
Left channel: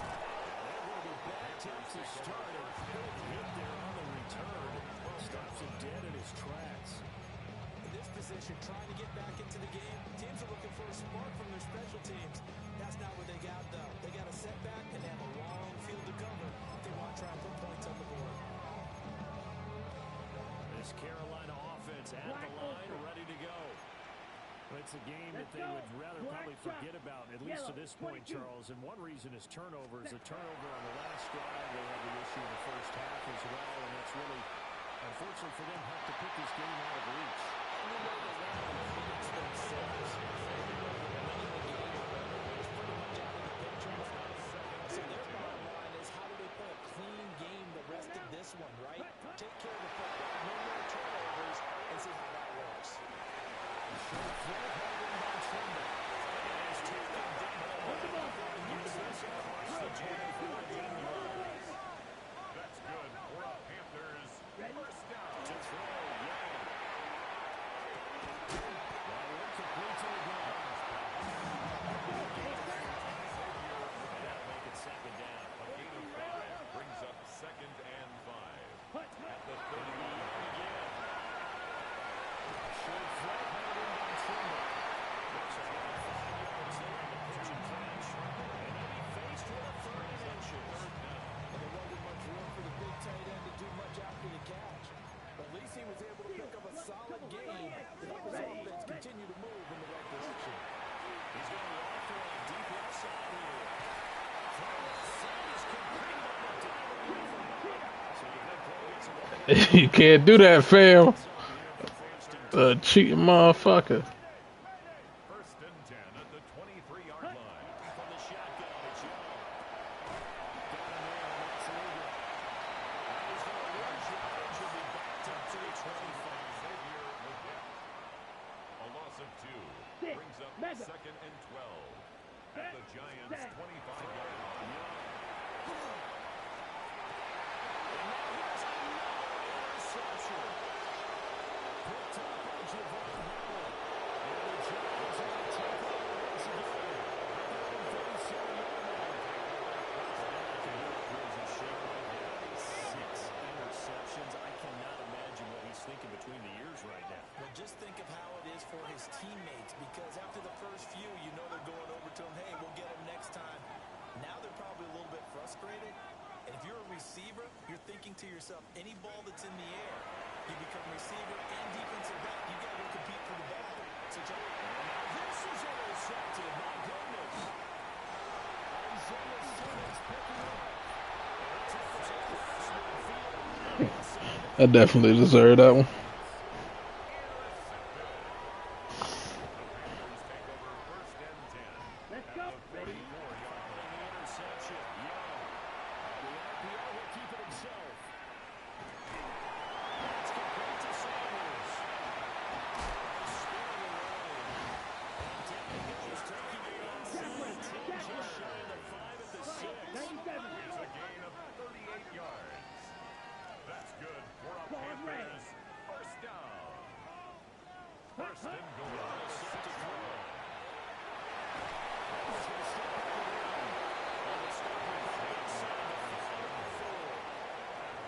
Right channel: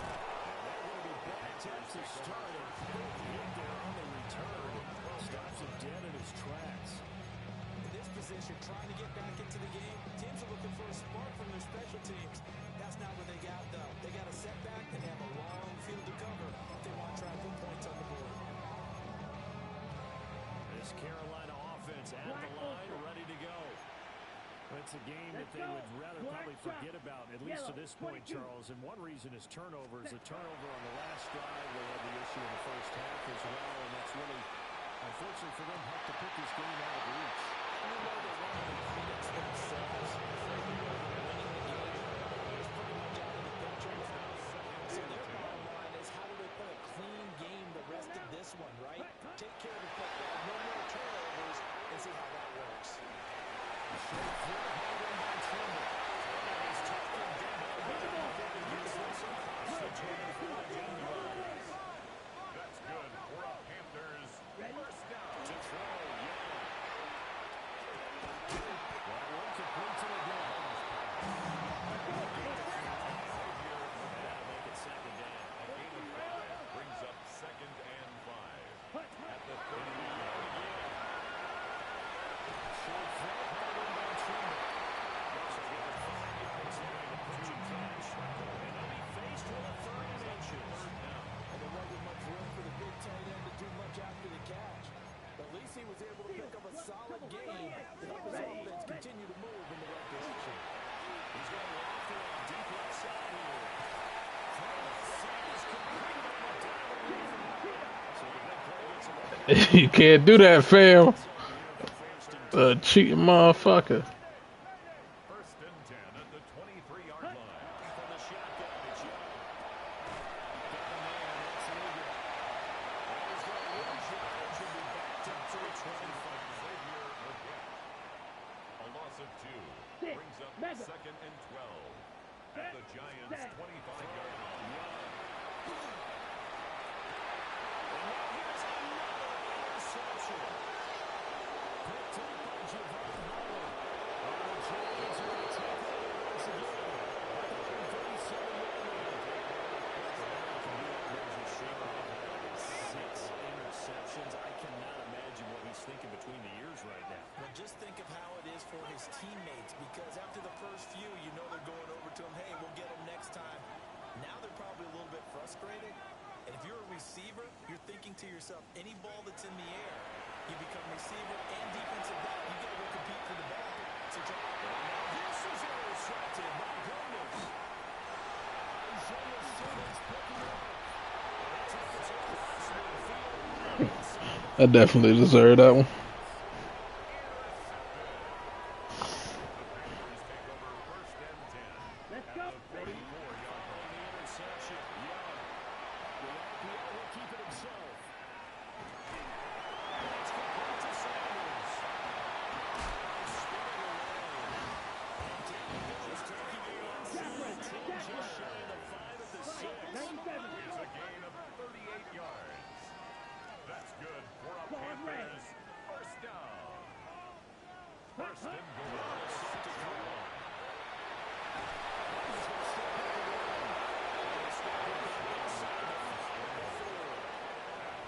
And they're going to be back to start it. Hit there on the return. Stops him dead in his tracks. In this position, trying to get back into the game, teams are looking for a spark from their special teams. That's not what they got, though. They got a setback and they have a long field to cover if they want to try and put points on the board. This Carolina offense at the line, ready to go. It's a game that they would rather probably forget about, at least to this point, Charles. And one reason is turnovers. The turnover on the last drive, they had the issue in the first half as well, and that's really, unfortunately for them, helped to put this game out of reach. And we know they want to finish themselves. We know that winning the game is pretty much out of the picture now. So their bottom line is, how do they play a clean game the rest of this one, right? Take care of the football, no more turnovers, and see how that works. Short throw, held in by Trimble. And he's taken down. He gets this across the 25-yard line. That's good for the Panthers. First down. To throw, Young. That one complete to the ground. And that'll make it second down. A gain of 5 brings up 2nd and 5. At the 31. Short throw. You can't do that, fam. Cheating motherfucker. First and 10 at the 23-yard line. From the shotgun, it's Young. Got him there, and that's legal. And he's going to lose yardage and be backed up to the 25. Xavier Legette. A loss of 2 brings up second and 12 at the Giants' 25-yard line. And now here's another interception. Picked up by Javon Howard. And the Giants are going to take over once again at the 37-yard line. All I can do up here is just shake my head. 6 interceptions. I cannot imagine what he's thinking between the ears right now. Well, just think of how it is for his teammates, because after the first few, you know they're going over to him, hey, we'll get him next time. Now they're probably a little bit frustrated. And if you're a receiver, you're thinking to yourself, any ball that's in the air, you become receiver and defensive back. You got to go compete for the ball. So, now this is intercepted. My goodness. Isaiah Simmons picking up. I definitely deserve that one. Let's go. Ready? Following the interception, Young. The RPO will keep it himself. That's complete to Sanders. Spinning around. And down he goes, taking it inside. 10 just shy of the 5 at the 6. 97. It's a gain of 38 yards. That's good for a Ball red. Panthers first down. First and goal. Set to throw. He's going to step up and run. And the stop is inside the 5 at the 4.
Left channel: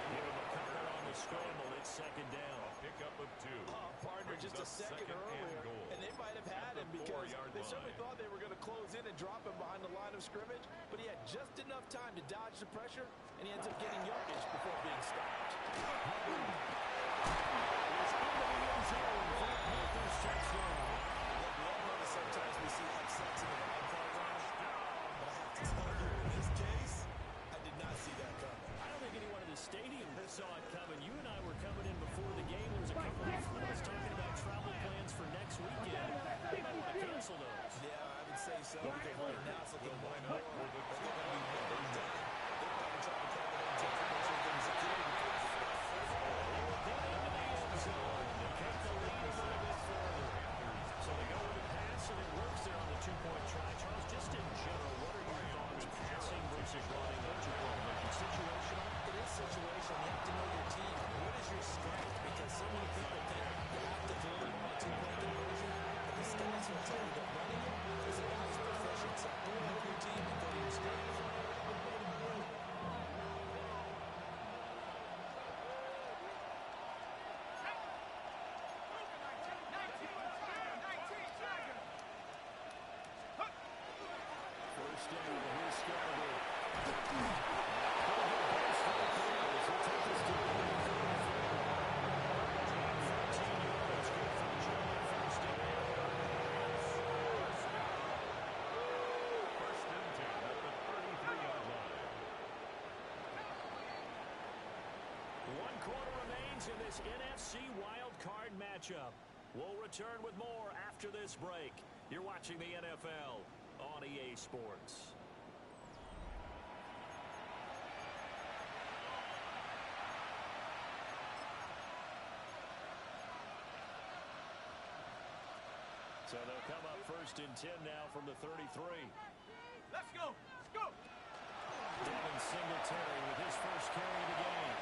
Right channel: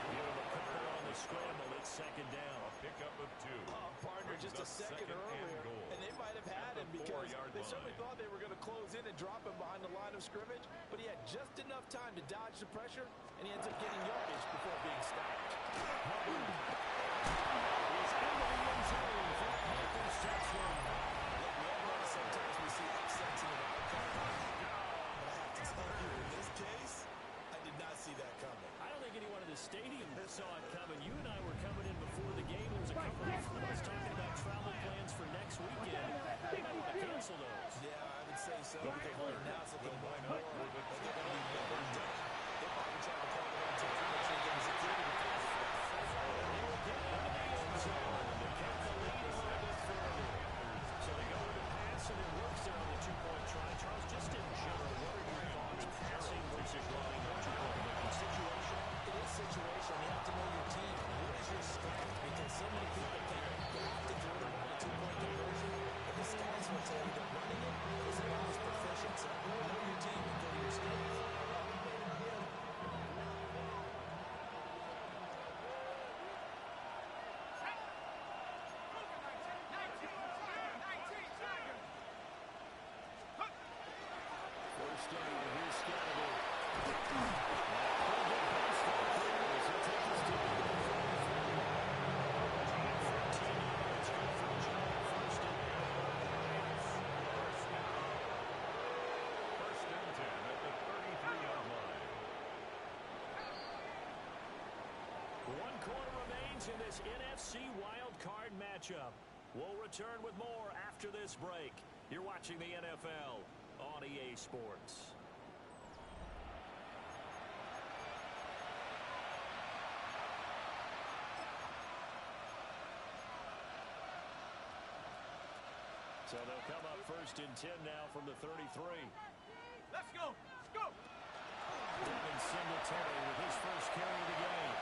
Give him a couple on the scramble. It's second down. A pickup of 2. partner Brings just a up second and earlier, goal. and they might have had At him the because 4-yard they certainly line. thought they were going to close in and drop him behind the line of scrimmage, but he had just enough time to dodge the pressure, and he ends up getting yardage before being stopped. Hubbard is into the end zone for a Panthers touchdown. Look, we all know that sometimes we see upsets in the wild card round, but I have to tell you, in this case, I did not see that coming. I don't think anyone in the stadium saw it coming. You and I were coming in before the game. There was a couple of us talking about travel plans for next weekend. They might want to cancel those. Yeah, I would say so, because right now it's looking more and more that they're going to be winning done. They're probably trying to call it on team to make sure they're getting security. They will get into the end zone to kick the lead a little bit further. So they go with a pass, and it works there on the two-point try. Charles, just in general, what are your thoughts passing versus running on two-point conversion? Situational? It is situational. You have to know your team. What is your strength? Because so many people think you have to throw the ball a two-point conversion, but the stats will tell you that running it is about as proficient. So know your team and go to your strength. First down, here's Scatterby. Pretty good pass right there as he'll take his team to the 33. 13 yards, good for the Giant first down. First and 10 at the 33-yard line. 1 quarter remains in this NFC Wild Card matchup. We'll return with more after this break. You're watching the NFL on EA Sports. So they'll come up first and 10 now from the 33. Let's go. Let's go. Devin Singletary with his first carry of the game.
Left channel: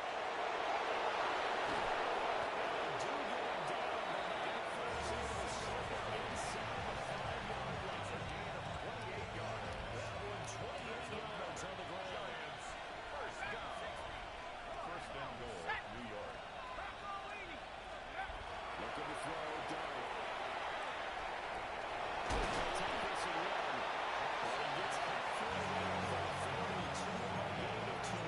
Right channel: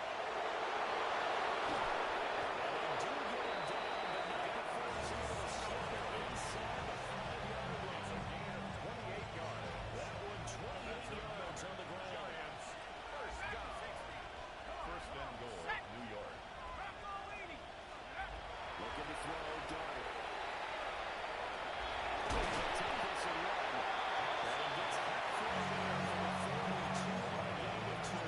And they do get him down, but not before he's able to slip it inside the 5-yard line. It's a gain of 28 yards. That one 28 yards on the ground. Giants first down. First and goal, New York. Looking to throw, Dart. Take this and run. And he gets halfway there for a 42-yard gain of 2.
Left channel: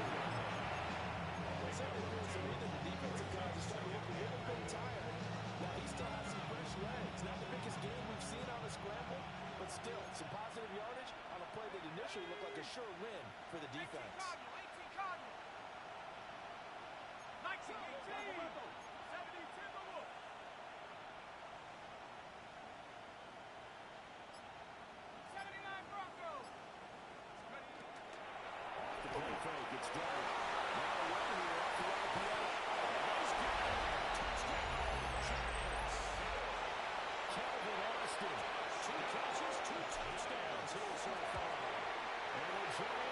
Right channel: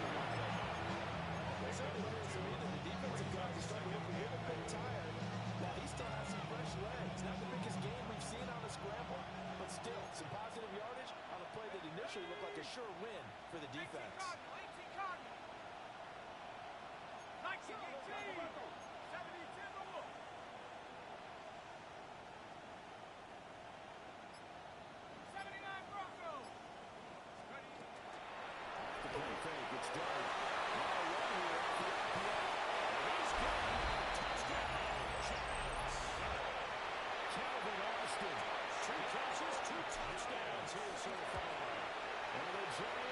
Well, certainly appears to me that the defensive guys are starting to look a little bit tired. While he still has some fresh legs. Not the biggest game we've seen on a scramble, but still, some positive yardage on a play that initially looked like a sure win for the defense. 18 Cardinal. 19 18.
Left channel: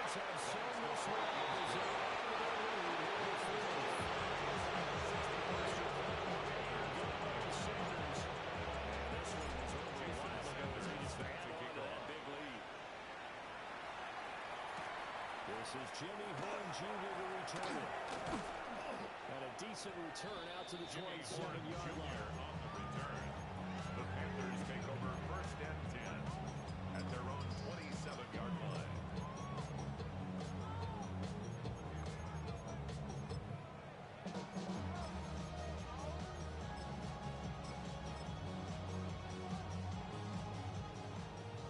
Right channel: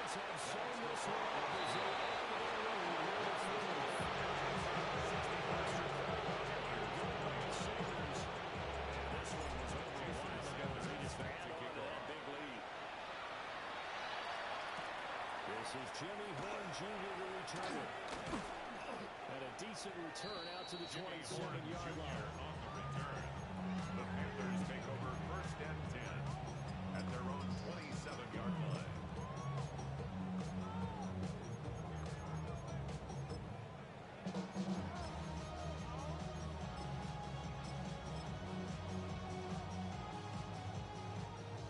Giants have shown this one up as they add to their lead here in the fourth. And this one was over a while ago as they just add on to that big lead. This is Jimmy Horn Jr. to return it. And a decent return out to the 27-yard line. On the return. The Panthers take over 1st and 10 at their own 27-yard line.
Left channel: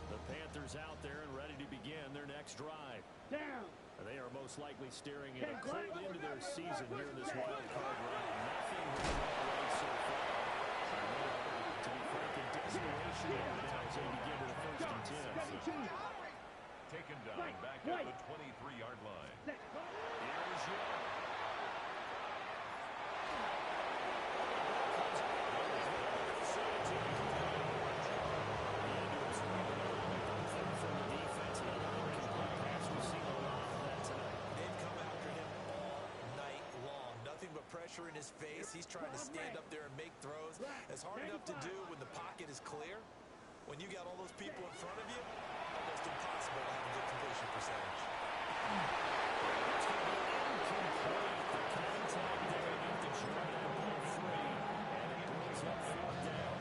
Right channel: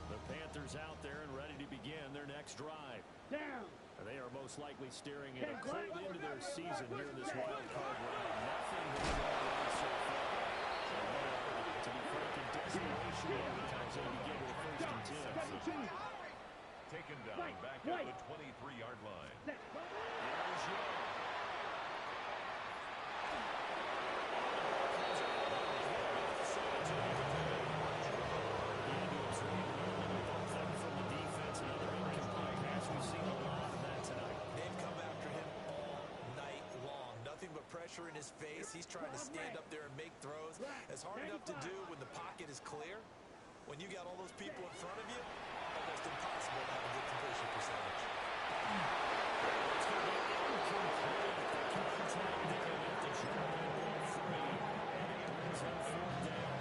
The Panthers out there and ready to begin their next drive. Down. They are most likely staring at a cold end of their season here in this wild card round. Nothing has gone right so far. To be frank, in desperation over now as they begin to the 1st and 10. Taken down back at the 23-yard line. Here's Young. The end to absorb another bump there from the defense. Another incomplete pass. We've seen a lot of that tonight. They've come after him all night long. Nothing but pressure in his face. He's trying to stand up there and make throws. It's hard enough to do when the pocket is clear. When you got all those people in front of you, almost impossible to have a good completion percentage. It's going to be incomplete. The contact there enough to draw that ball free. And it brings up 4th down.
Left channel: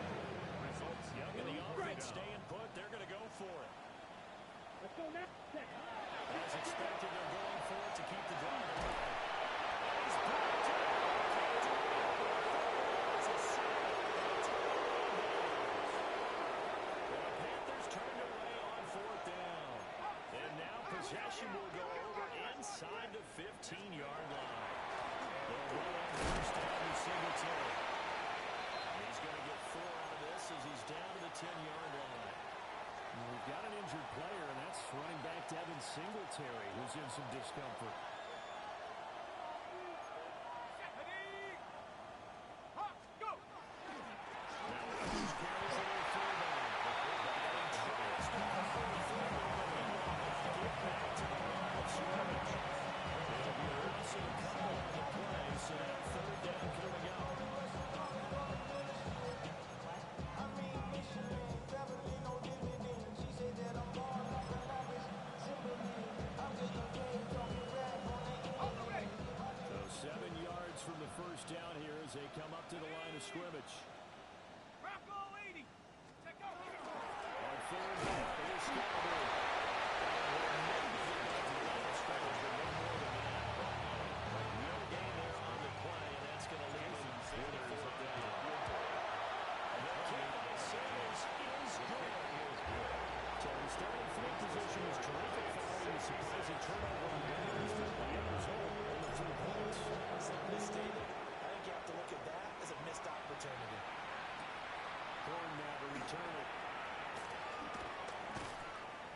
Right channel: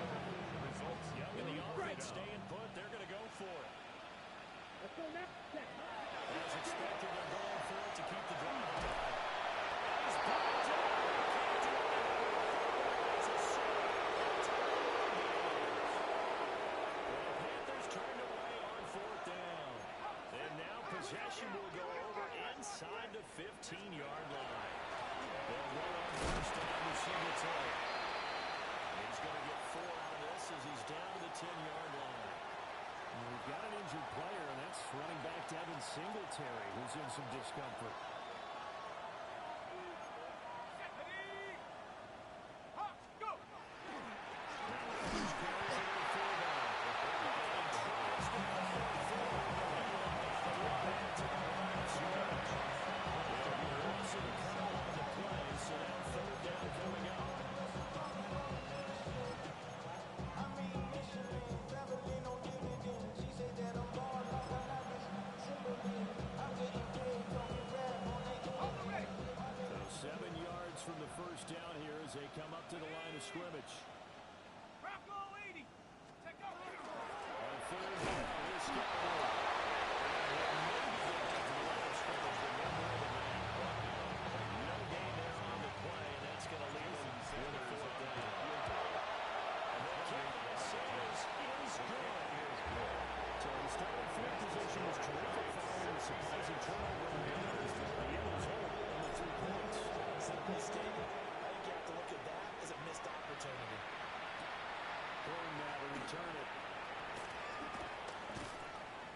Results. Young and the offense staying put. They're going to go for it. Let's go now. As expected, they're going for it to keep the drive alive. He's brought down. Can't do it. It's a sack. It's a the Panthers turned away on 4th down. And now possession will go over inside the 15-yard line. They'll run on 1st down to Singletary. He's going to get 4 out of this as he's down to the 10-yard line. And we've got an injured player, and that's running back Devin Singletary, who's in some discomfort. Now Rogers carries it in 4 down. And he tries to push it forward, but he will not get back to the line of scrimmage. It'll be a loss of a couple on the play, so now 3rd down coming up. So 7 yards from the 1st down here as they come up to the line of scrimmage. On 3rd down, here's Scarborough. And maybe get back to the line of scrimmage, but no more than that. No gain there on the play, and that's going to leave them with a 4th down. The kick by Sanders is good. So the starting field position was terrific following the surprising turnover on downs, but the end result on the 3 points. Simply stated, I think you have to look at that as a missed opportunity. Horn now to return it.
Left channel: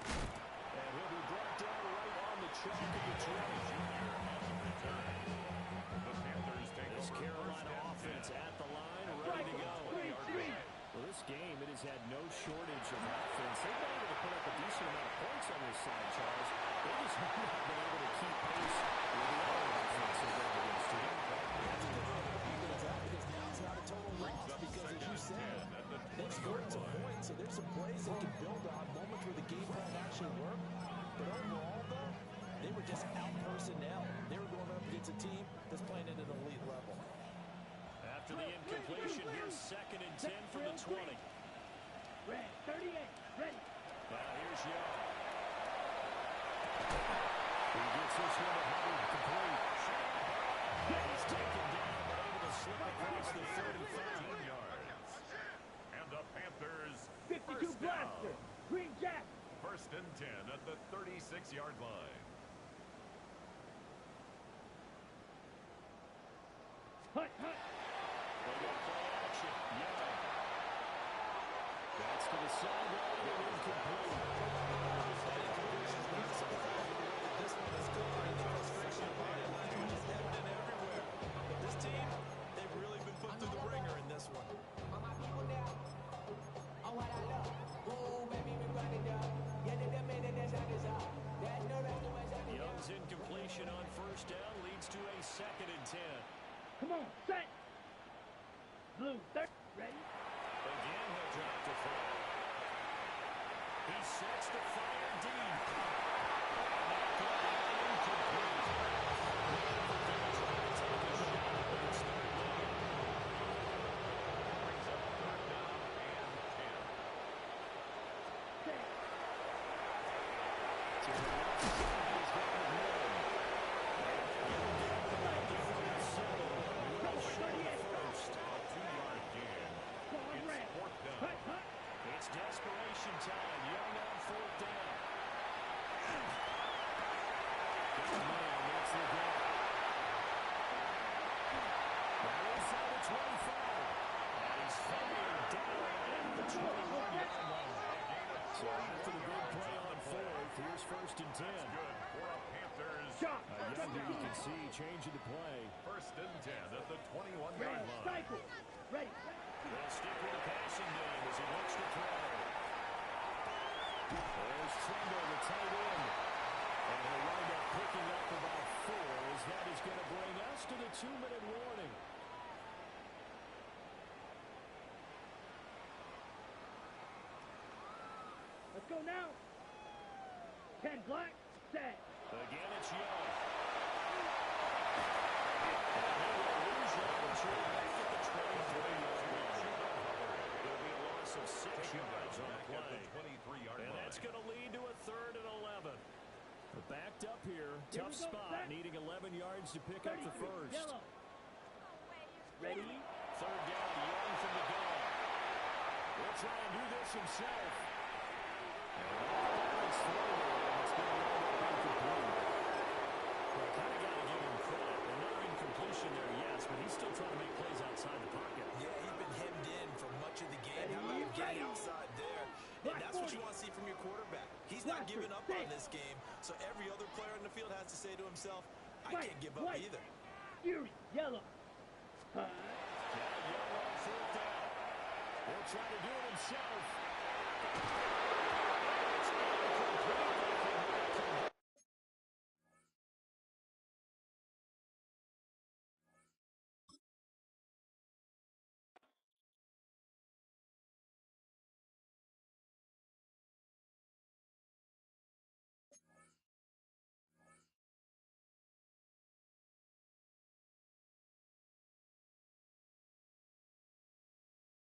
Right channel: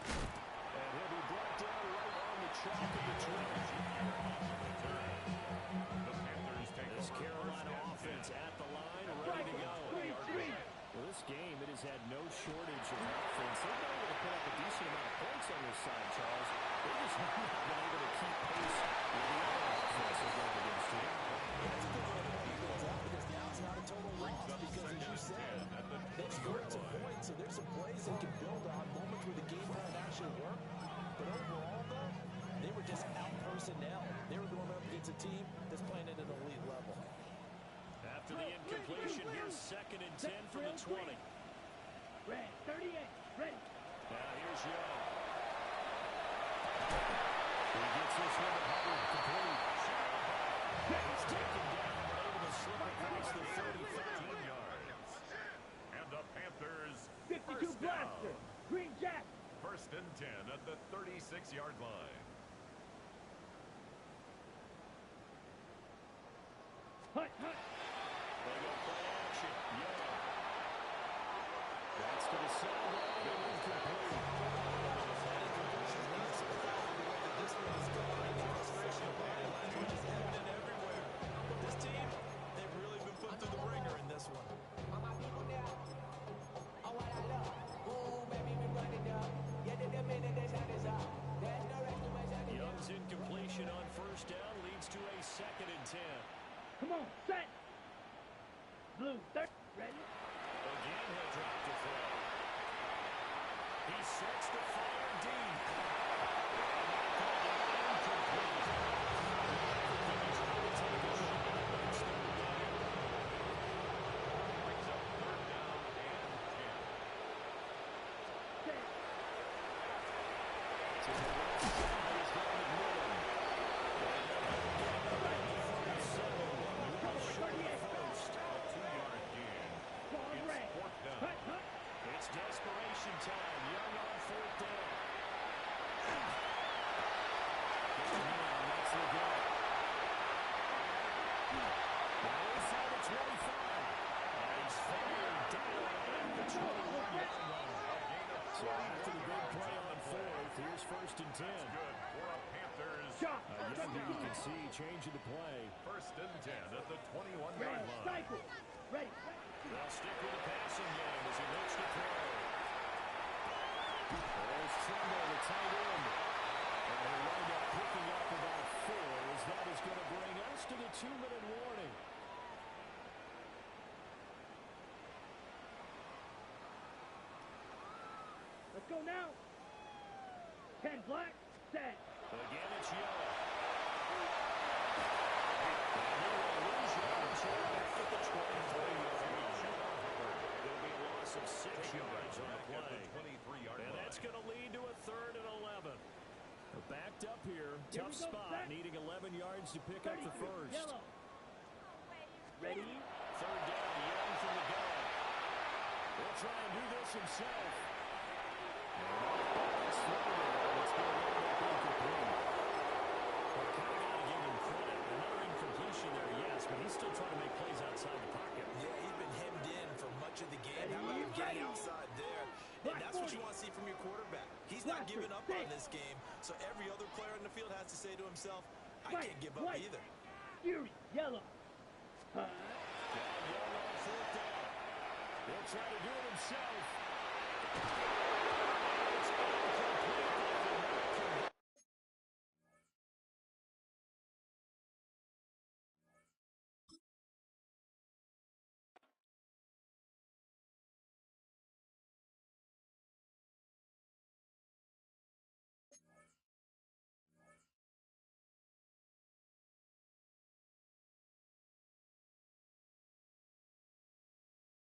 And he'll be brought down right on the chalk of the trail. Junior on the return. The Panthers take This over Carolina 1st and offense 10 at the line, ready to go. 20-yard line. Well, this game, it has had no shortage of offense. They've been able to put up a decent amount of points on this side, Charles. They just have not been able to keep pace with the other offense they're going against too. That's a good way to figure things out because now it's not a total loss. Because as you said, they've scored some points, so there's some plays they can build on, moments where the game plan actually worked. But overall, though, they were just out personnel. They were going up against a team that's playing at an elite level. After the incompletion, here's 2nd and 10 from the 20. Red, 38, ready. Now here's Young. He gets this one to Hubbard, complete. And he's taken down, but able to slip across the 35 yards. And the Panthers 52 1st blaster, down. Green Jack. 1st and 10 at the 36-yard line. Hut. They go play action. Young. That's to the sideline and incomplete. That incompletion is not surprising the way that this one has gone, and the frustration of body language is evident everywhere. But this team, they've really been put through the ringer in this one. All my people now, on what I love. Ooh, baby, we run it up. Yeah, the minute the sun is up. There's no rest to my Conversion on first down leads to a 2nd and 10. Come on, set. Blue, third, ready? Again, he'll drop to throw. He sets the fire deep. And that could be incomplete. They're trying to take a shot at it's 3rd down. Brings up 3rd down and 10. Set. To the left side is down McMillan. And they'll get him down to the 47. Well short of the first. A 2-yard gain. Ball red. It's 4th down. Hut, hut. It's desperation time. Young on 4th down. Get the man. That's the goal. Now inside the 25. And he's fired down at the 21-yard line. So after the big play on 4th, here's 1st and 10. That's good for a Panthers. Chop. Young, you can see, changing the play. 1st and 10 at the 21-yard Red, line. cycle. Ready. They'll stick with the passing game as he looks to throw. There's Trumbo, the tight end. And he'll wind up picking up about 4 as that is going to bring us to the 2-minute warning. Let's go now. 10 black, set. Again, it's Young. And he will lose yardage here back at the 23-yard line. It'll be a loss of 6 yards on the play. 23-yard And line. that's going to lead to a 3rd and 11. We're backed up here. Here Tough we go, spot, set. needing 11 yards to pick up the 33, first. yellow. Ready? 3rd down, Young from the gun. He'll try and do this himself. And off balance throw there, and it's going to wind up incomplete. Well, I kind of got to give him credit. Another incompletion there, yes, but he's still trying to make plays outside the pocket. Yeah, he's been hemmed in for much of the game. How about him getting outside there? And that's what you want to see from your quarterback. He's not giving up on this game, so every other player in the field has to say to himself, I can't give up either. Fury, yellow. Now Young on 4th down. He'll try to do it himself. And it's